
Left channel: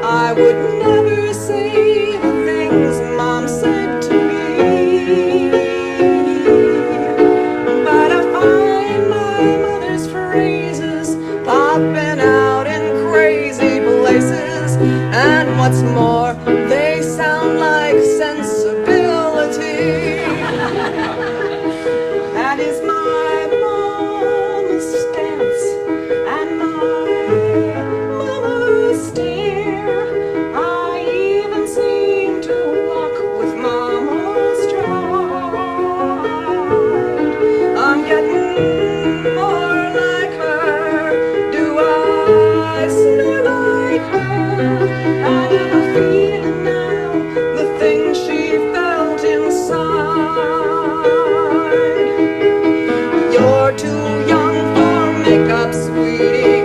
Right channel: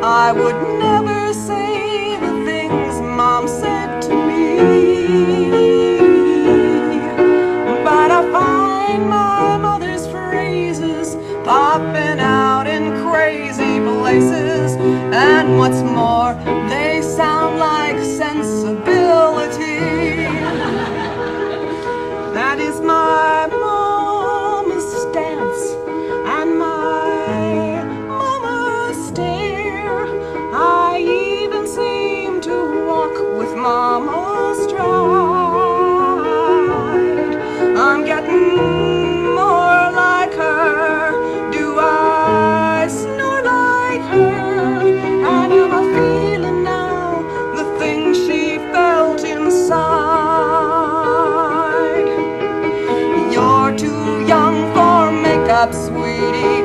I would never say the things Mom said to me, but I find my mother's phrases popping out in crazy places, and what's more, they sound like sensibility. That is my mama's stance and my mama's stare. I even seem to walk with mama's stride. I'm getting more like her. Do I snore like her? And am I feeling now the things she felt inside? You're too young for makeup, sweetie.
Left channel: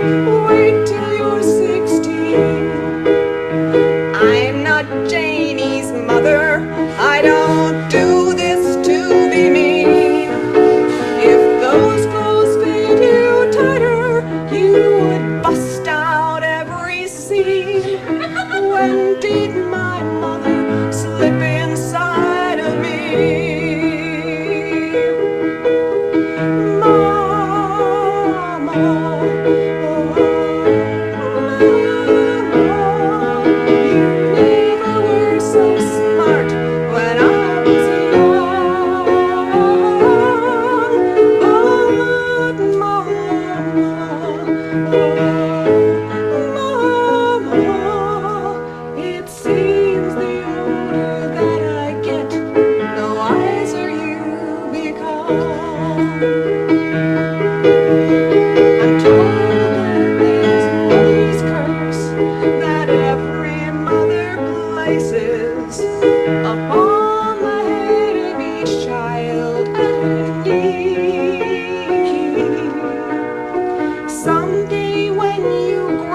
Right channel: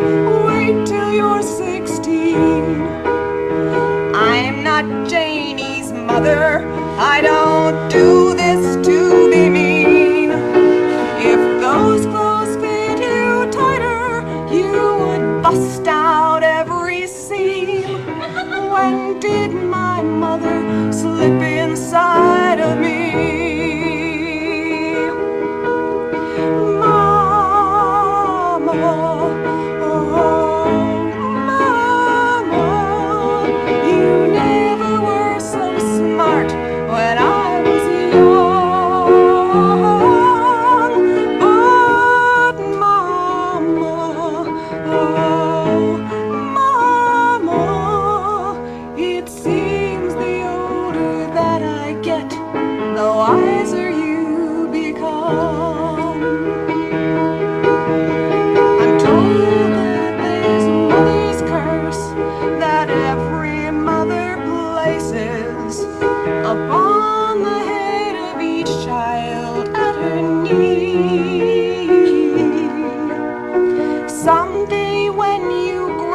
Wait till you're 16. I'm not Janie's mother. I don't do this to be mean. If those clothes fit you tighter, you would bust out every seam. When did my mother slip inside of me? Mama, oh, Mama, you never were so smart when I was young. But Mama, oh,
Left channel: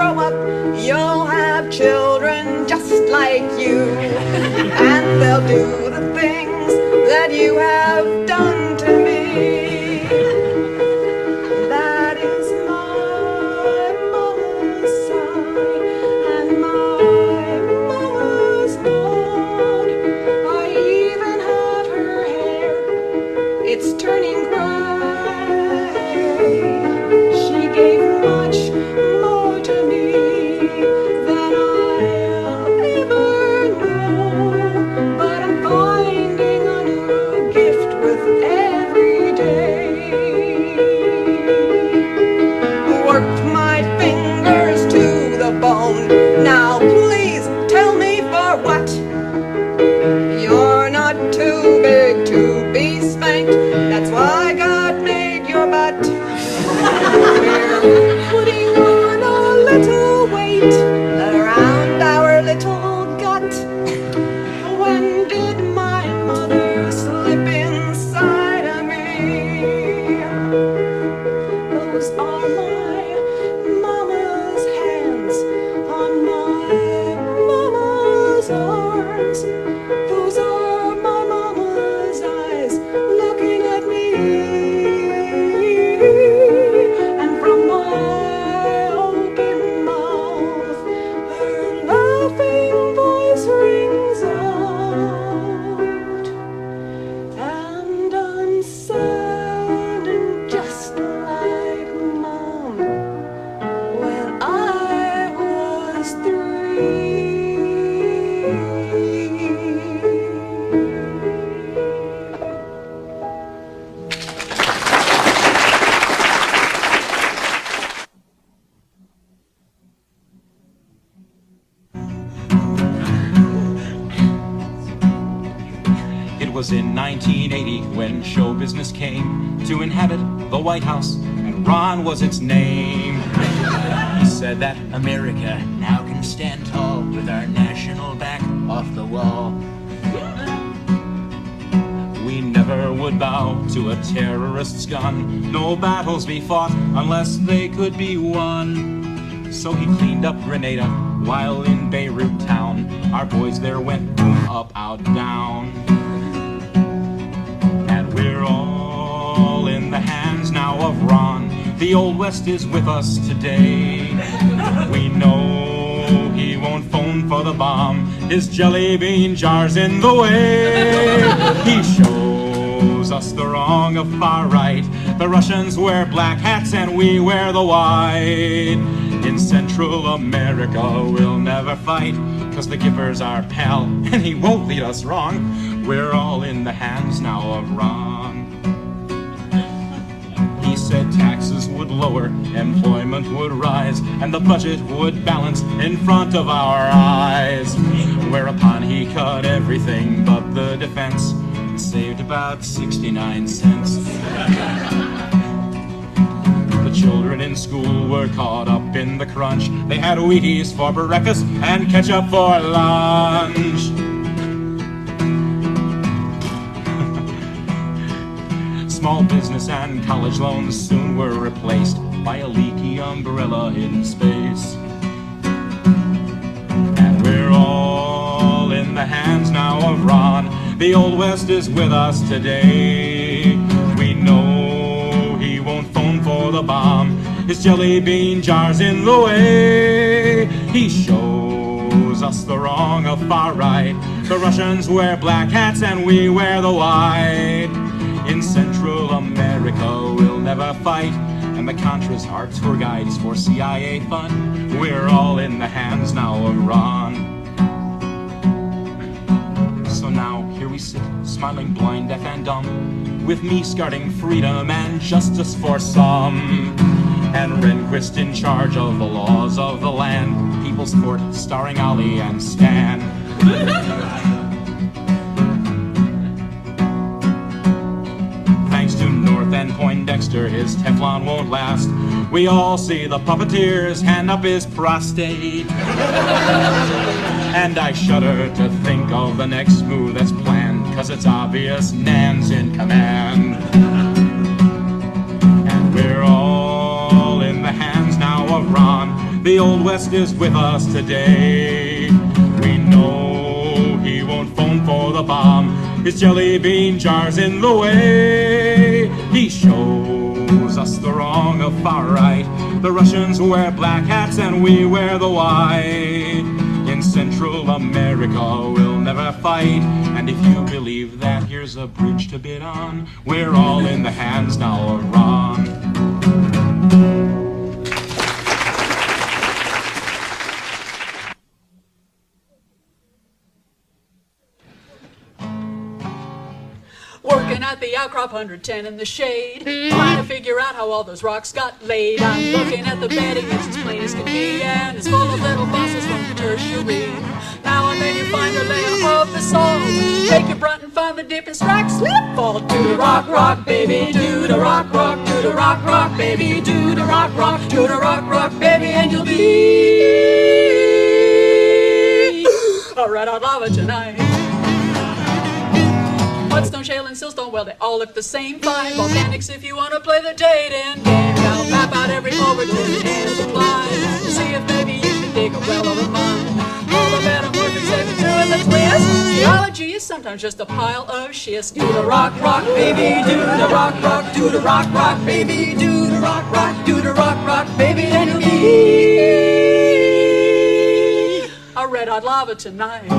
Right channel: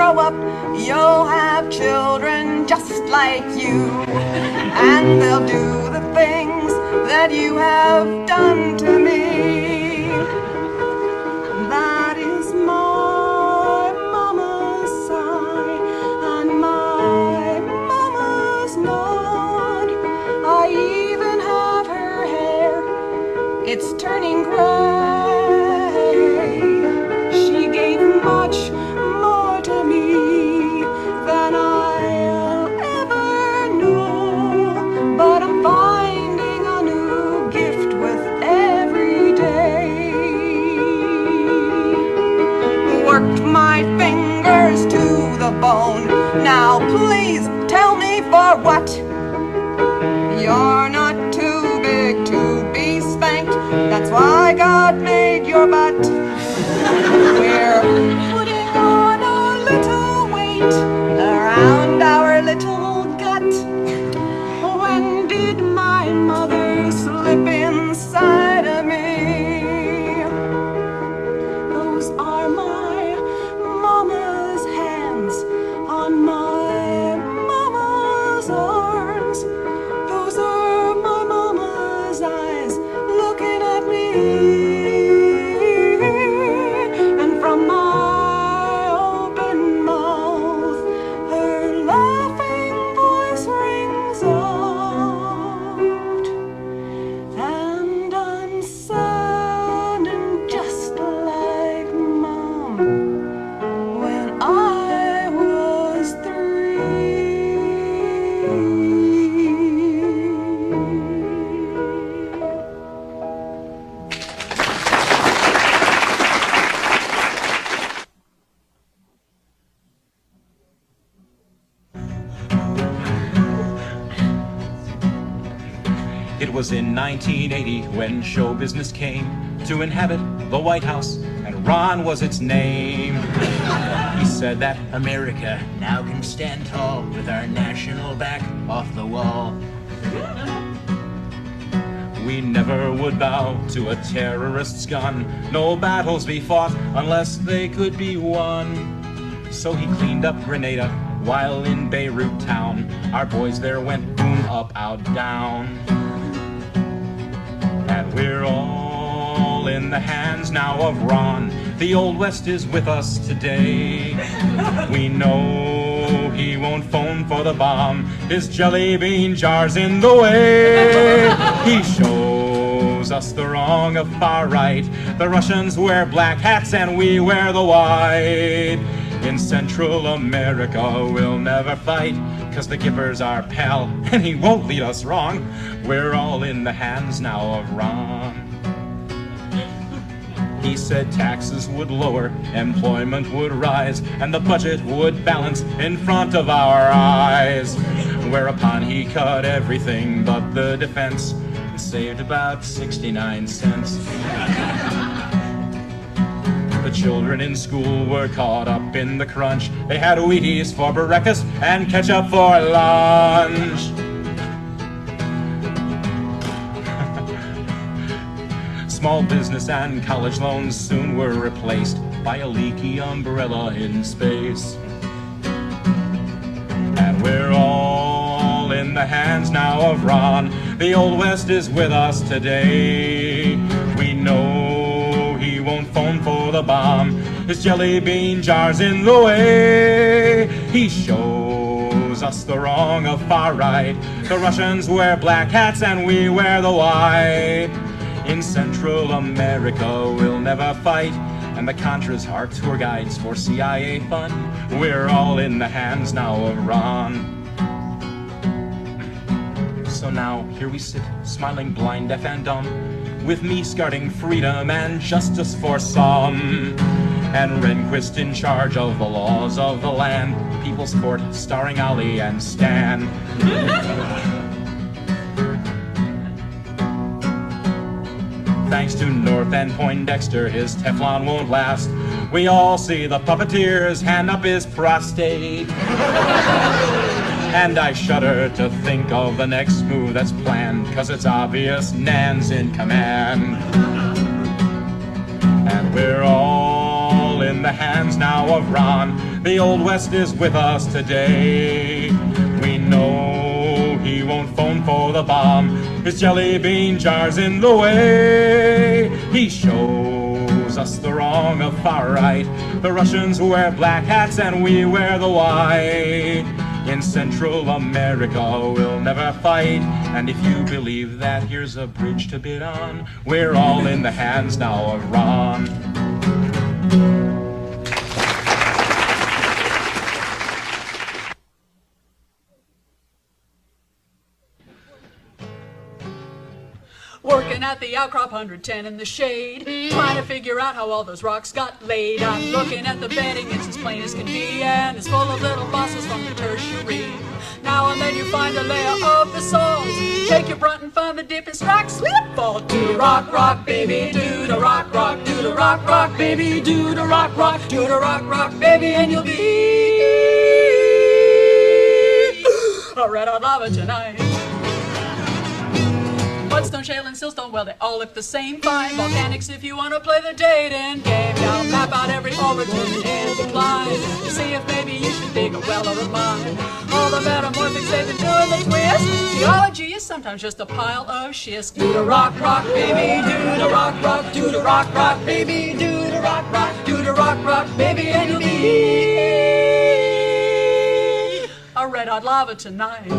grow up, you'll have children just like you. And they'll do the things that you have done to me. That is my mama's sigh and my mama's nod. I even have her hair, it's turning gray. She gave much more to me than I'll ever know, but I'm finding a new gift with every day. Worked my fingers to the bone, now please tell me for what? You're not too big to be spanked, that's why God made your butt. We're putting on a little weight around our little gut. When did my mother slip inside of me? Those are my mama's hands on my mama's arms. Those are my mama's eyes looking at me. And from my open mouth, her laughing voice rings out. And I'm sounding just like Mom when I was 3. It was in 1980 when show business came to inhabit the White House, and Ron was its name. He said that America now can stand tall with our national back off the wall. we never would bow to a terrorist's gun. No battles be fought unless they could be won. So he cleaned up Grenada while in Beirut town. Our boys there went boom, up, out, down. And we're all in the hands now of Ron. The Old West is with us today. We know he won't phone for the bomb. His jelly bean jar's in the way. He shows us the wrong of far right. The Russians wear black hats and we wear the white. In Central America we'll never fight, 'cause the Gipper's our pal and he won't lead us wrong. We're all in the hands now of Ron. He said taxes would lower, employment would rise, and the budget would balance in front of our eyes. Whereupon he cut everything but the defense and saved about 69 cents. The children in school were caught up in the crunch. They had Wheaties for breakfast and ketchup for lunch. Small business and college loans soon were replaced by a leaky umbrella in space. And we're all in the hands now of Ron. The Old West is with us today. We know he won't phone for the bomb. His jelly bean jar's in the way. He shows us the wrong of far right. The Russians wear black hats and we wear the white. In Central America we'll never fight, and the Contras are tour guides for CIA fun. We're all in the hands now of Ron. So now here we sit, smiling blind, deaf and dumb, with me guarding freedom and justice for some, and Rehnquist in charge of the laws of the land. People's Court starring Ali and Stan. Thanks to North and Poindexter, his Teflon won't last. We all see the puppeteer's hand up his prostate. And I shudder to think of the next move that's planned, 'cause it's obvious Nan's in command. And we're all in the hands now of Ron. The Old West is with us today. We know he won't phone for the bomb. His jelly bean jar's in the way. He shows us the wrong of far right. The Russians wear black hats and we wear the white. In Central America we'll never fight. And if you believe that, here's a bridge to bid on. We're all in the hands now of Ron. Working at the outcrop 110 in the shade, trying to figure out how all those rocks got laid. I'm looking at the bedding, it's as plain as can be, and it's full of little fossils from the tertiary. Now and then you find a layer of basalt. Take your brunt and find the dip and strike, slip, fall. Do the rock, rock, baby, do the rock, rock, do the rock, rock, baby, do the rock, rock, do the rock, rock, baby, and you'll be a red hot lava tonight. Mudstone, shale, and siltstone, well, they all look the same fine. Volcanics if you want to play the dating game. I'll map out every overturn and decline to see if maybe you should dig a well or a mine. All the metamorphics they've been doing the twist. Geology is sometimes just a pile of schist. Do the rock, rock, baby, do the rock, rock, do the rock, rock, baby, do the rock, rock, do the rock, rock, baby, and you'll be a red hot lava tonight.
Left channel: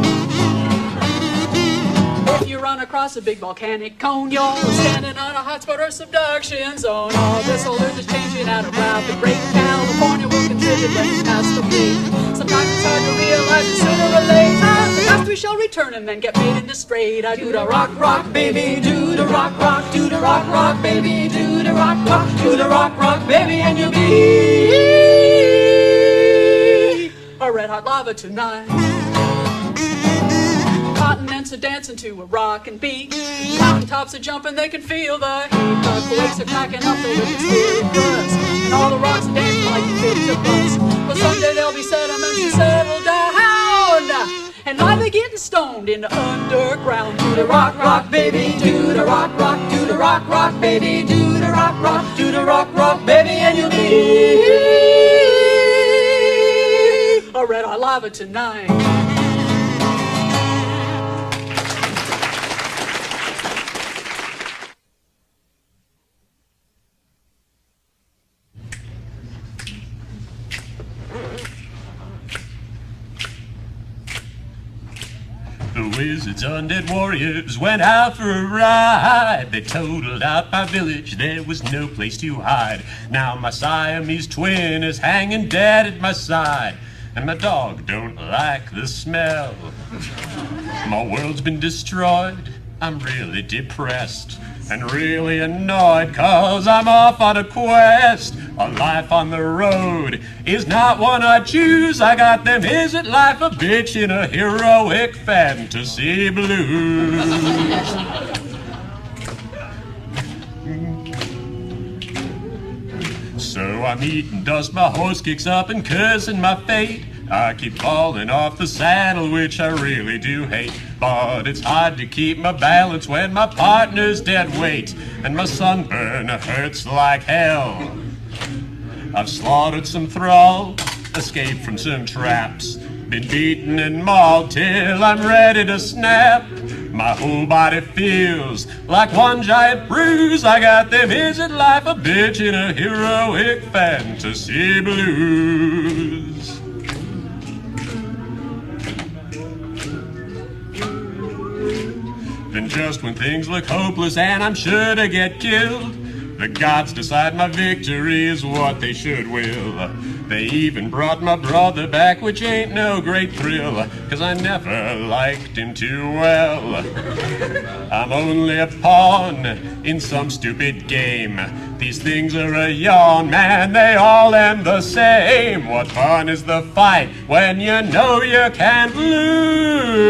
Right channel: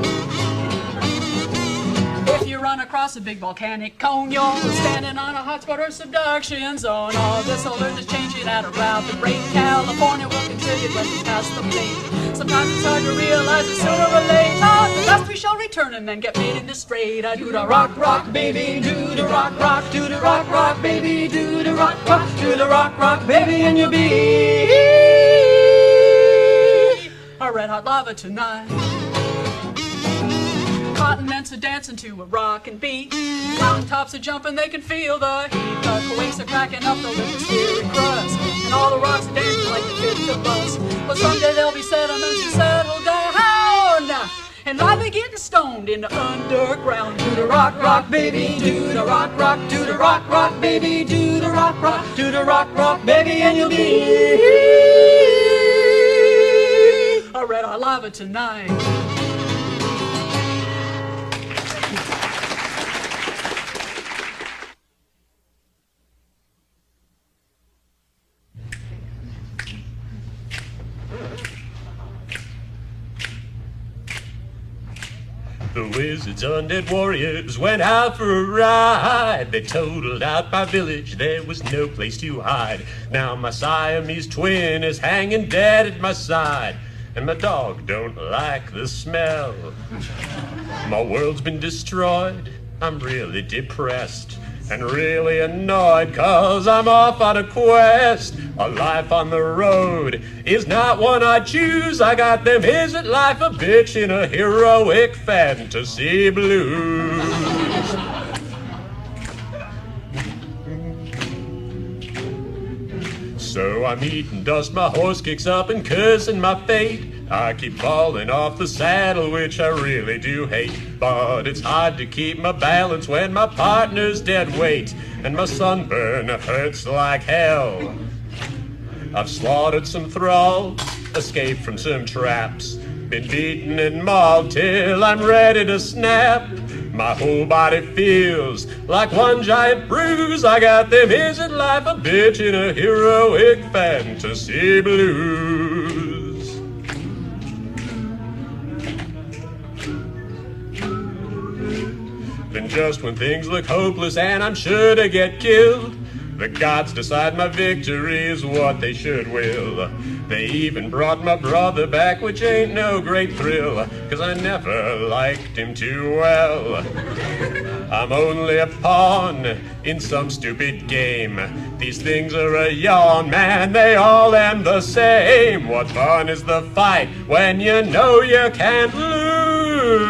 If you run across a big volcanic cone, you're standing on a hotspot or subduction zone. All this will learn to changing at a rapid rate. California will contribute when you pass the plate. Sometimes it's hard to realize it sooner or later. The dust we shall return and then get made into straight. I do the rock, rock, baby, do the rock, rock, do the rock, rock, baby, do the rock, rock, do the rock, rock, baby, and you'll be a red hot lava tonight. Continents are dancing to a rockin' beat. Mountaintops are jumping, they can feel the heat. The quakes are cracking up the lithosphere crust, and all the rocks are dancing like the kids of bust. But someday there'll be sediments and settle down, and lie they getting stoned in the underground. Do the rock, rock, baby, do the rock, rock, do the rock, rock, baby, do the rock, rock, do the rock, rock, baby, and you'll be a red hot lava tonight. The wizards, undead warriors went out for a ride. They totaled out my village, there was no place to hide. Now my Siamese twin is hanging dead at my side, and my dog don't like the smell. My world's been destroyed, I'm really depressed and really annoyed, 'cause I'm off on a quest. A life on the road is not one I choose. I got them isn't life a bitch in a heroic fantasy blues. So I'm eating dust, my horse kicks up and cursing my fate. I keep falling off the saddle, which I really do hate. But it's hard to keep my balance when my partner's dead weight, and my sunburn hurts like hell. I've slaughtered some thralls, escaped from some traps, been beaten and mauled till I'm ready to snap. My whole body feels like one giant bruise. I got them isn't life a bitch in a heroic fantasy blues. Then just when things look hopeless and I'm sure to get killed, the gods decide my victory is what they should will. They even brought my brother back, which ain't no great thrill, 'cause I never liked him too well. I'm only a pawn in some stupid game. These things are a yawn, man, they all end the same. What fun is the fight when you know you can't lose?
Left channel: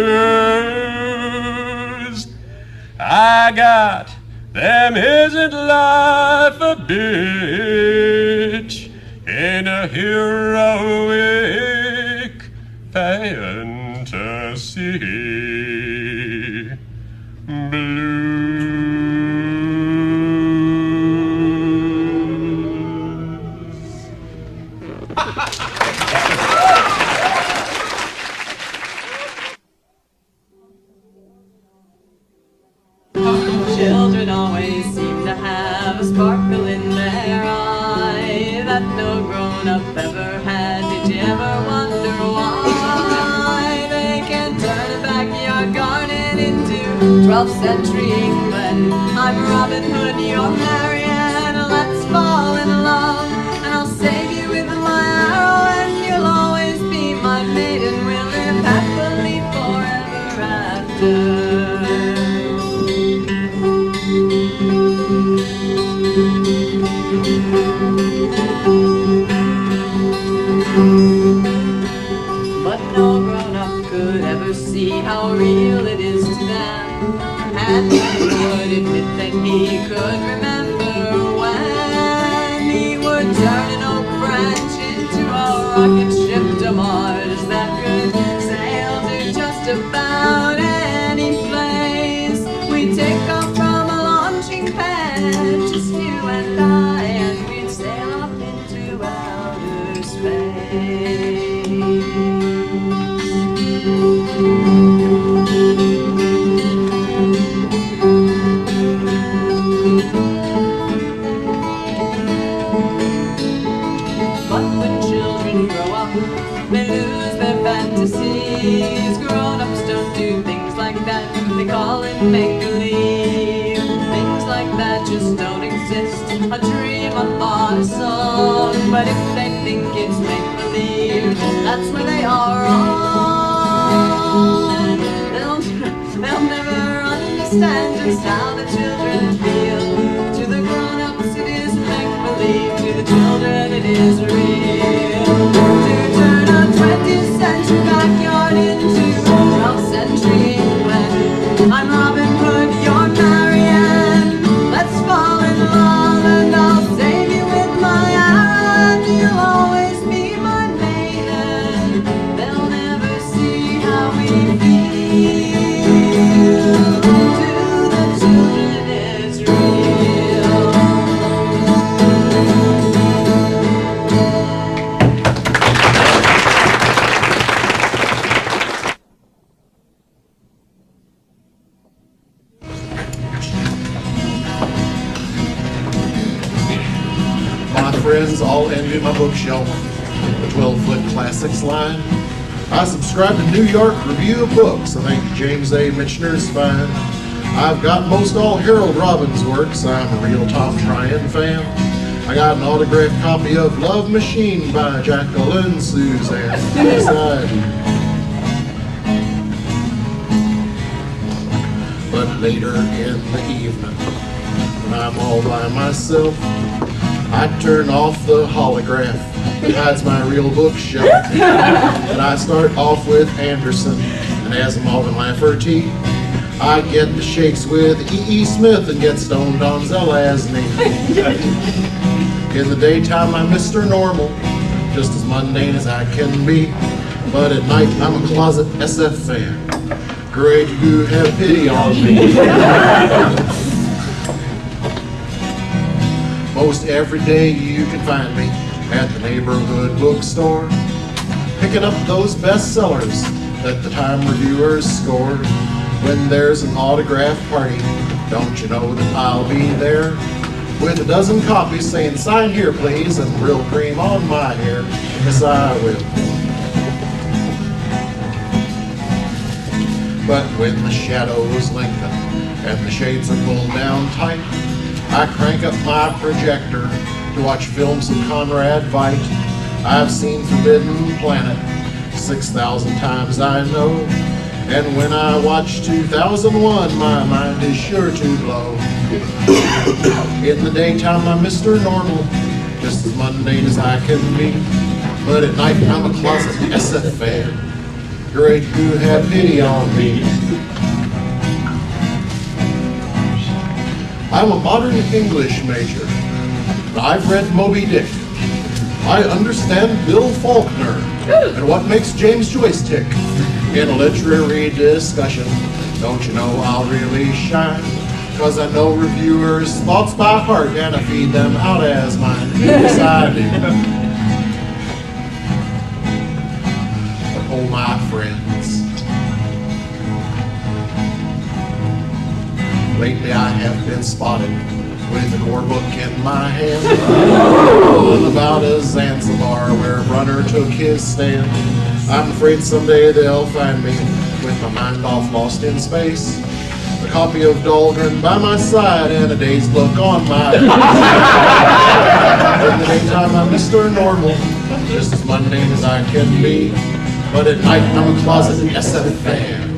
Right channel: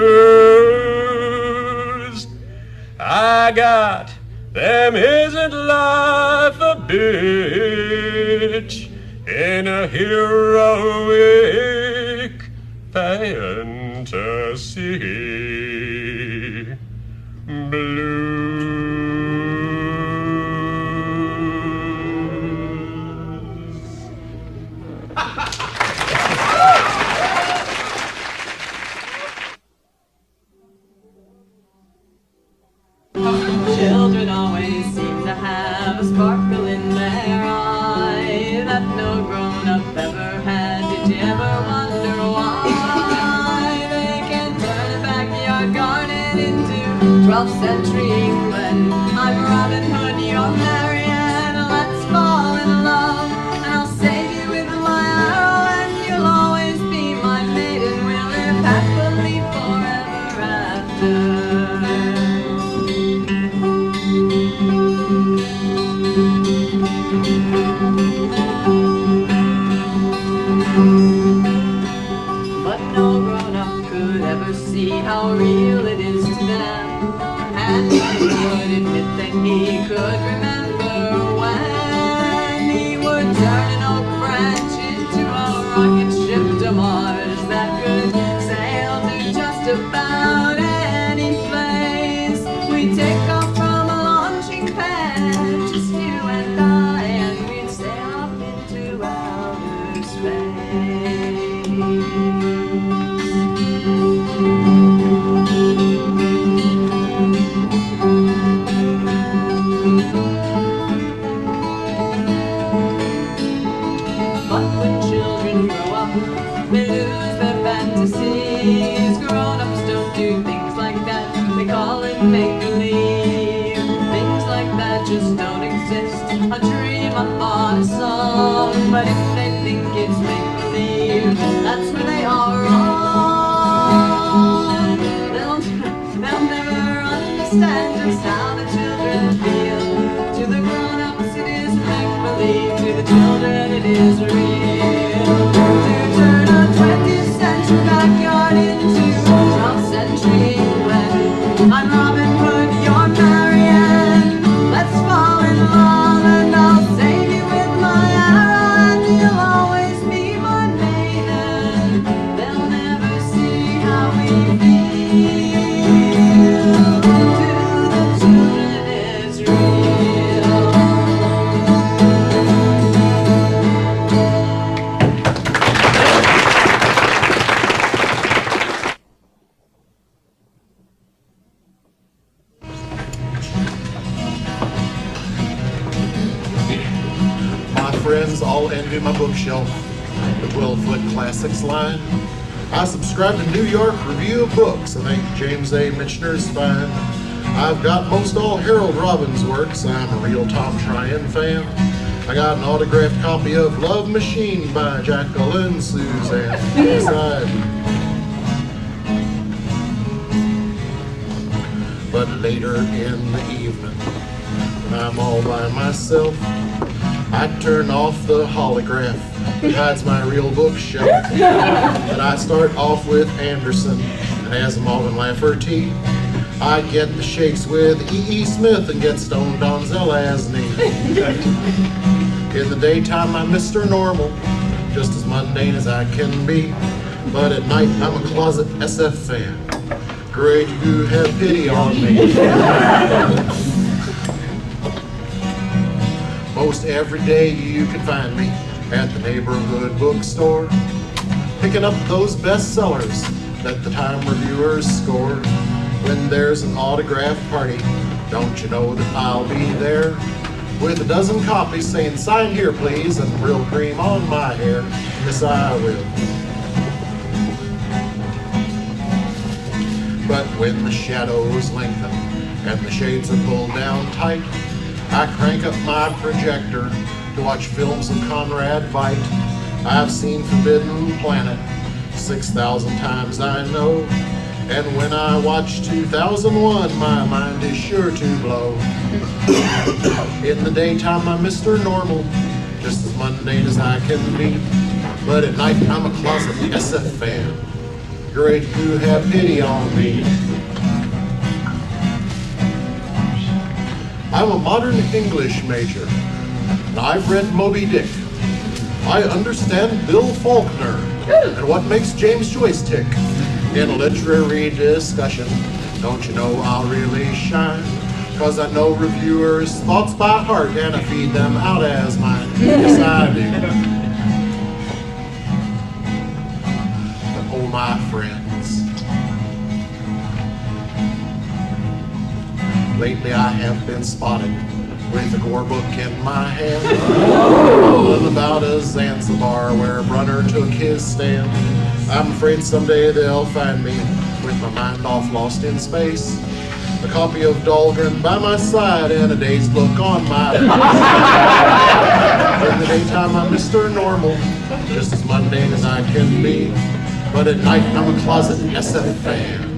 I got them isn't life a bitch in a heroic fantasy blues. 12th century England. I'm Robin Hood, you're Marianne. Let's fall in love, and I'll save you with my arrow, and you'll always be my maiden. We'll live happily forever after. But no grown-up could ever see how real it is to them, and he would admit that he could remember when he would turn an oak branch into a rocket ship to Mars that could sail to just about any place. We'd take off from a launching pad, just you and I, and we'd sail off into outer space. But when children grow up, they lose their fantasies. Grown-ups don't do things like that, they call it make-believe. Things like that just don't exist, a dream, a thought, a song. But if they think it's make-believe, that's where they are wrong. They'll never understand just how the children feel. To the grown-ups it is make-believe, to the children it is real. To turn a 20th century backyard into 12th century England. I'm Robin Hood, you're Marianne. Let's fall in love, and I'll save you with my arrow, and you'll always be my maiden. They'll never see how we feel. To the children it's real. My friends all envy my bookshelf, the 12-foot classics line. I subscribe to New York Review of Books. I think James A. Michener's fine. I've got most all Harold Robbins' works. I'm a real Tom Tryon fan. I got an autographed copy of Love Machine by Jacqueline Suzanne. Yes, I do. But later in the evening, when I'm all by myself, I turn off the holograph that hides my real bookshelf. And I start off with Anderson and Asimov and Lafferty. I get the shakes with E.E. Smith and get stoned on Zelazny. In the daytime I'm Mr. Normal, just as mundane as I can be. But at night I'm a closet SF fan. Great you have pity on me. Most every day you can find me at the neighborhood bookstore, picking up those bestsellers that the Time reviewers score. When there's an autograph party, don't you know that I'll be there with a dozen copies saying sign here please and real cream on my hair. Yes, I will. But when the shadows lengthen and the shades are pulled down tight, I crank up my projector to watch films of Conrad Veidt. I've seen Forbidden Planet 6,000 times, I know. And when I watch 2001, my mind is sure to blow. In the daytime, I'm Mr. Normal, just as mundane as I can be. But at night, I'm a closet SF fan. Great you have pity on me. I'm a modern English major, and I've read Moby Dick. I understand Bill Faulkner and what makes James Joyce tick. In a literary discussion, don't you know I'll really shine? 'Cause I know reviewers' thoughts by heart and I feed them out as mine. Yes, I do. But oh, my friends, lately I have been spotted with a gore book in my hand, all about a Zanzibar where Brunner took his stand. I'm afraid someday they'll find me with my mind off lost in space. a copy of Dahlgren by my side, and a dazed look on my face. In the daytime, I'm Mr. Normal, just as mundane as I can be. But at night, I'm a closet SF fan.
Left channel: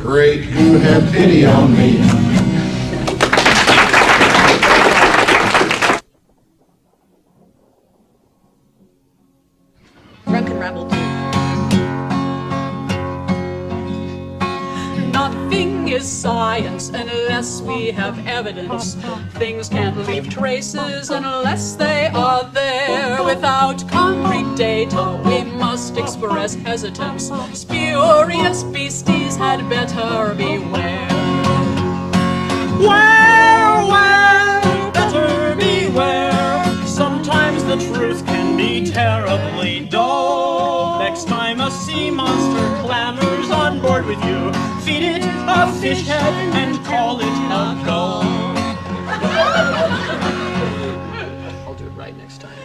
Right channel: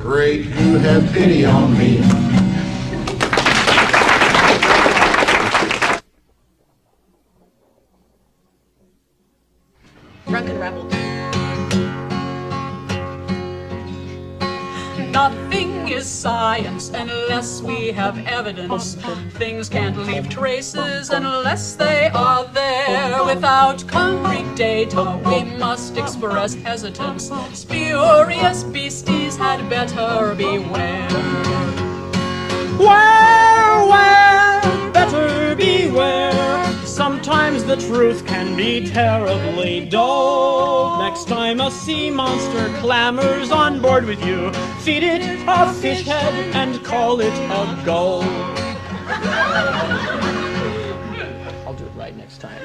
Great, who had pity on me. Drunken Rebel. Nothing is science unless we have evidence. Things can't leave traces unless they are there. Without concrete data, we must express hesitance. Spurious beasties had better beware. Where, better beware. Sometimes the truth can be terribly dull. Next time a sea monster clamors on board with you, feed it a fish head and call it a gull. I'll do it right next time.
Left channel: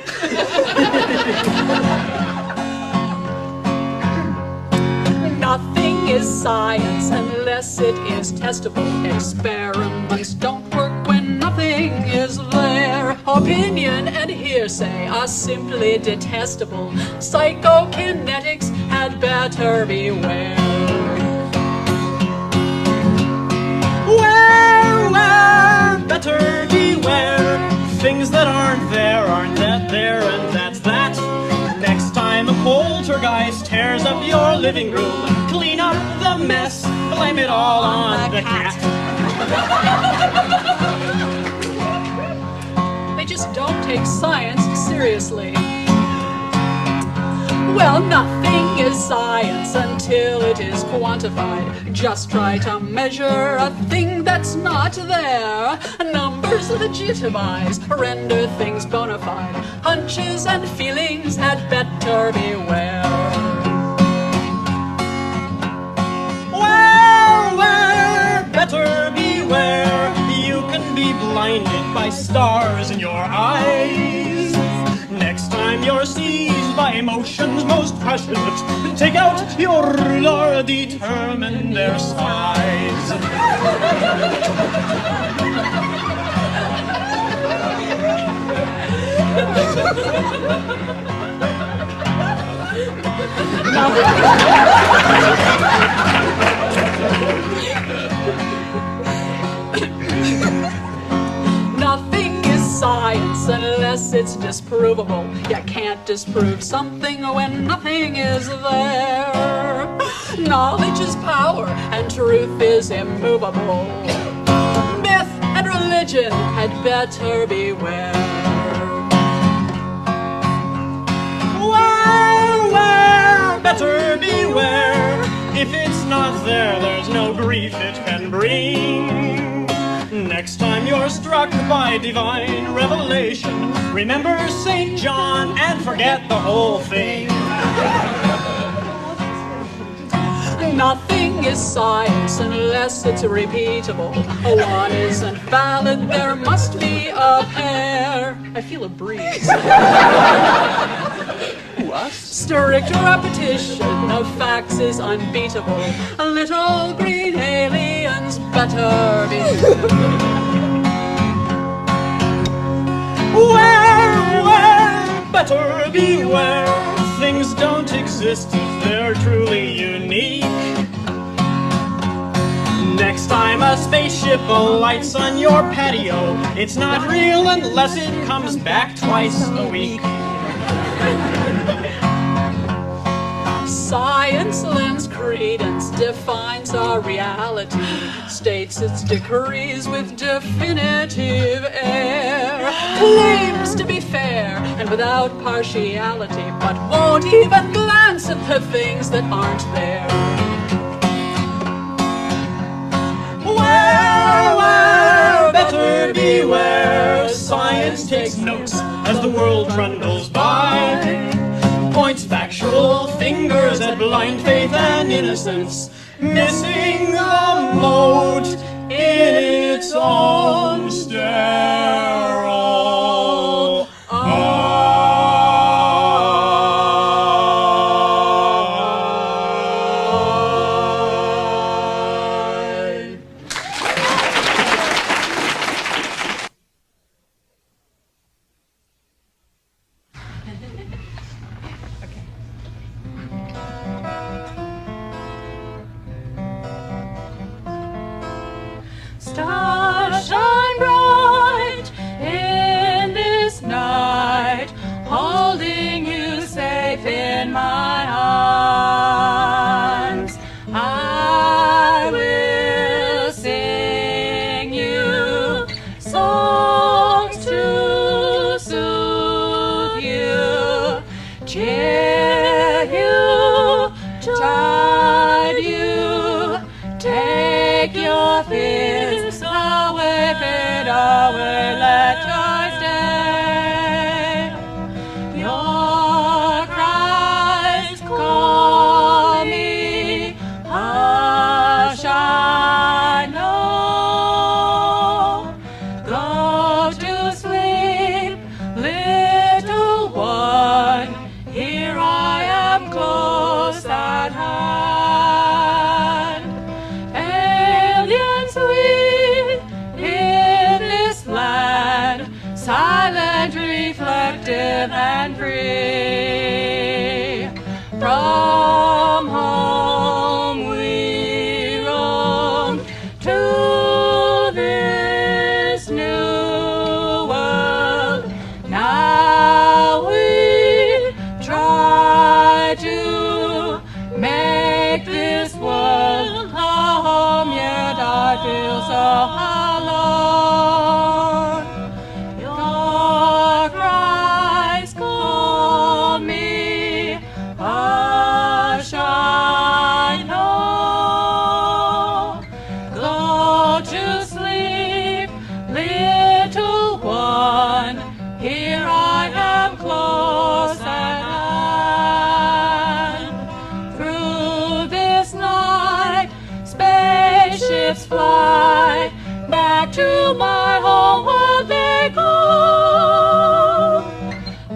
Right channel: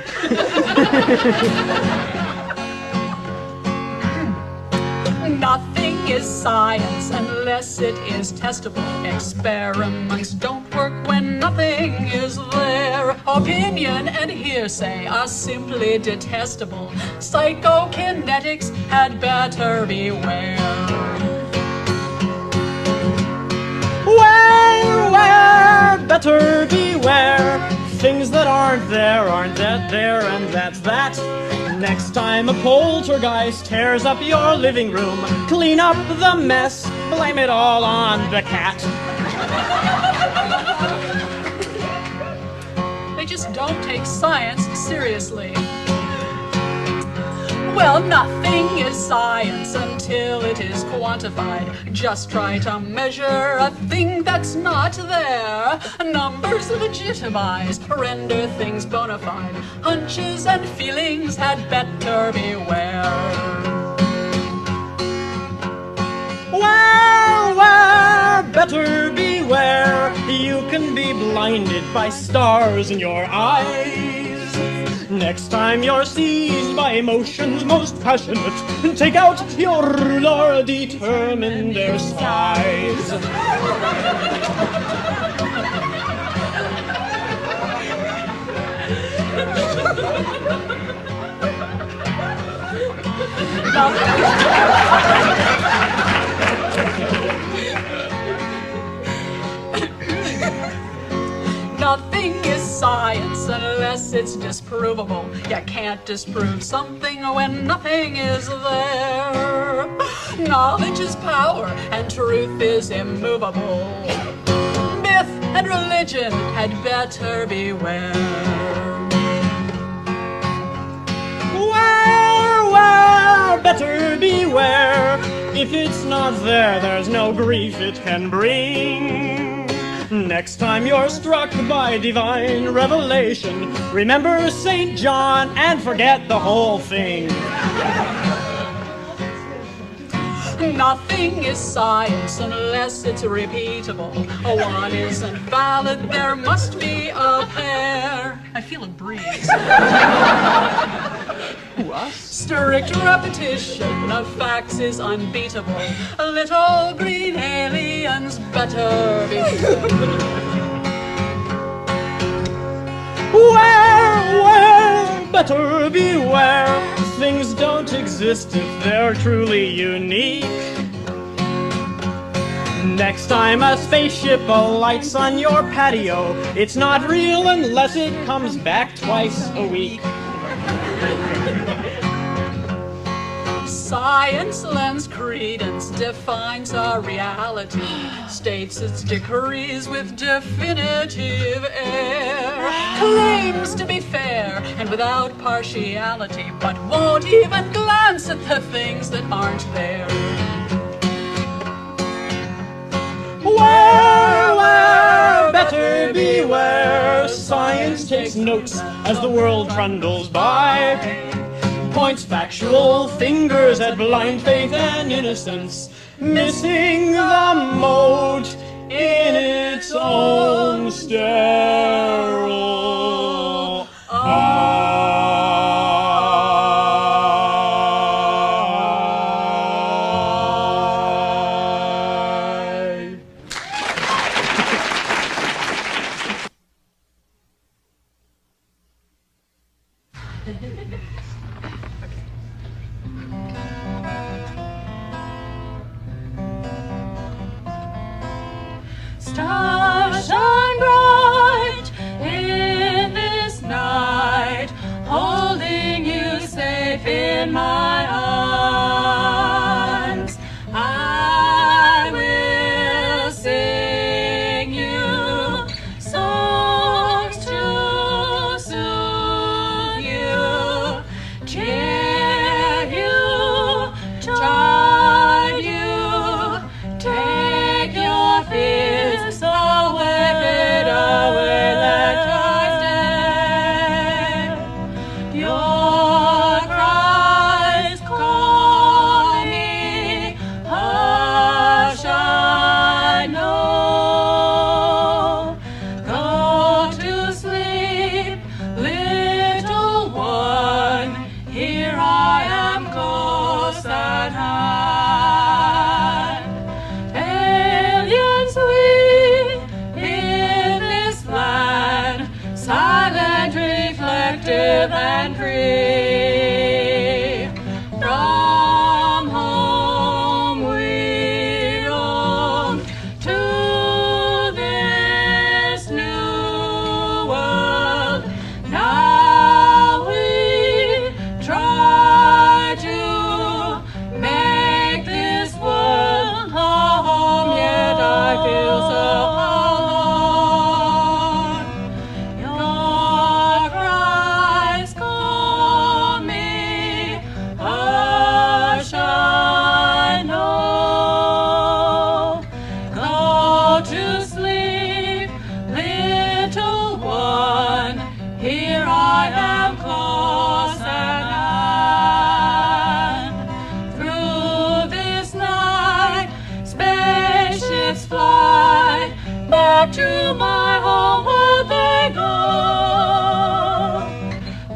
Nothing is science unless it is testable. Experiments don't work when nothing is there. Opinion and hearsay are simply detestable. Psychokinetics had better beware. Where, better beware. Things that aren't there, and that's that. Next time a poltergeist tears up your living room, clean up the mess, blame it all on the cat. They just don't take science seriously. Well, nothing is science until it is quantified. Just try to measure a thing that's not there. Numbers legitimize, render things bona fide. Hunches and feelings had better beware. Where, better beware. You can be blinded by stars in your eyes. Next time you're seized by emotions most passionate, take out your ruler, determine their size. Nothing is science unless it's disprovable. You can't disprove something when nothing is there. Knowledge is power and truth is immovable. Myth and religion had better beware. Where, better beware. If it's not there, there's no grief it can bring. Next time you're struck by divine revelation, remember St. John and forget the whole thing. Nothing is science unless it's repeatable. One isn't valid, there must be a pair. I feel a breeze. Who, us? Strict repetition of facts is unbeatable. Little green aliens better beware. Where, better beware. Things don't exist if they're truly unique. Next time a spaceship alights on your patio, it's not real unless it comes back twice a week. Science lends credence, defines our reality, states its decrees with definitive air, claims to be fair and without partiality, but won't even glance at the things that aren't there. Where, better beware. Science takes notes as the world trundles by, points factual fingers at blind faith and innocence, missing the mote in its own sterile eyes. in my arms. I will sing you songs to soothe you, cheer you, drive you, take your fears away, fade away, let joy stay. Your cries call me, hush, I know. Go to sleep, little one, here I am close at hand. Aliens we in this land, silent, reflective, and free. From home we roam to this new world. Now we try to make this world a home, yet I feel so alone. Your cries call me, hush, I know. Go to sleep, little one, here I am close at hand. Through this night, spaceships fly, back to my home world they go.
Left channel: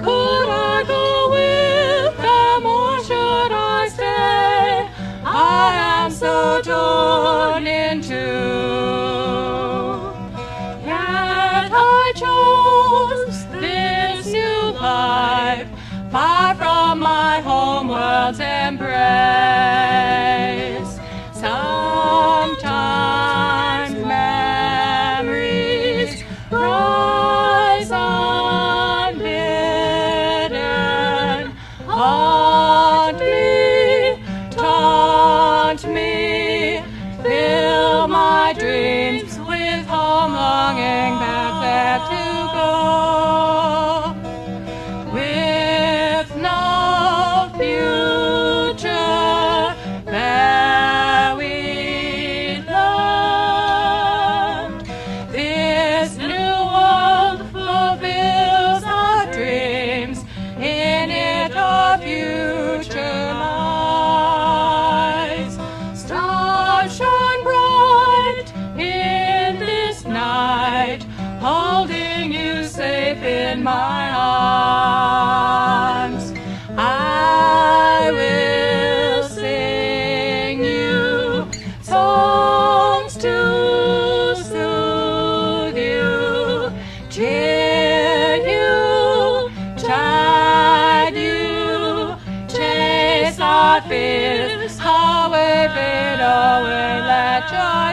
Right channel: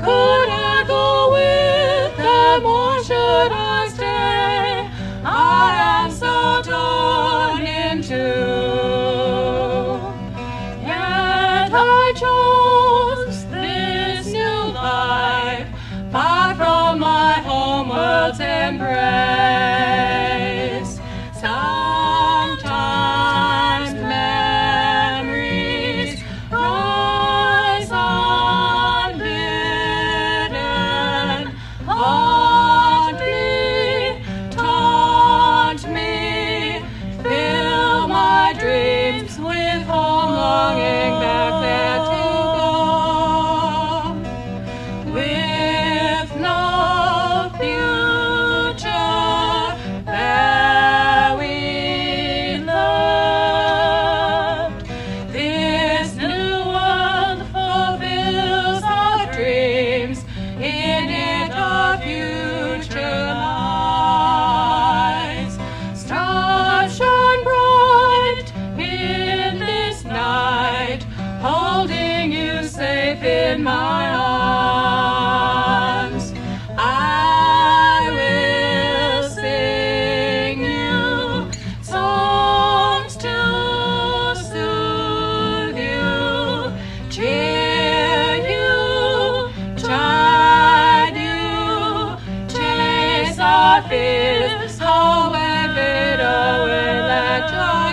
Could I go with them or should I stay? I am so torn in two. Yet I chose this new life, far from my home world's embrace. Sometimes memories rise unbidden, haunt me, taunt me, fill my dreams with home longing back there to go. With no future there we loved, this new world fulfills our dreams, in it our future lies. Stars shine bright in this night, holding you safe in my arms. I will sing you songs to soothe you, cheer you, chide you, chase our fears away, fade away, let joy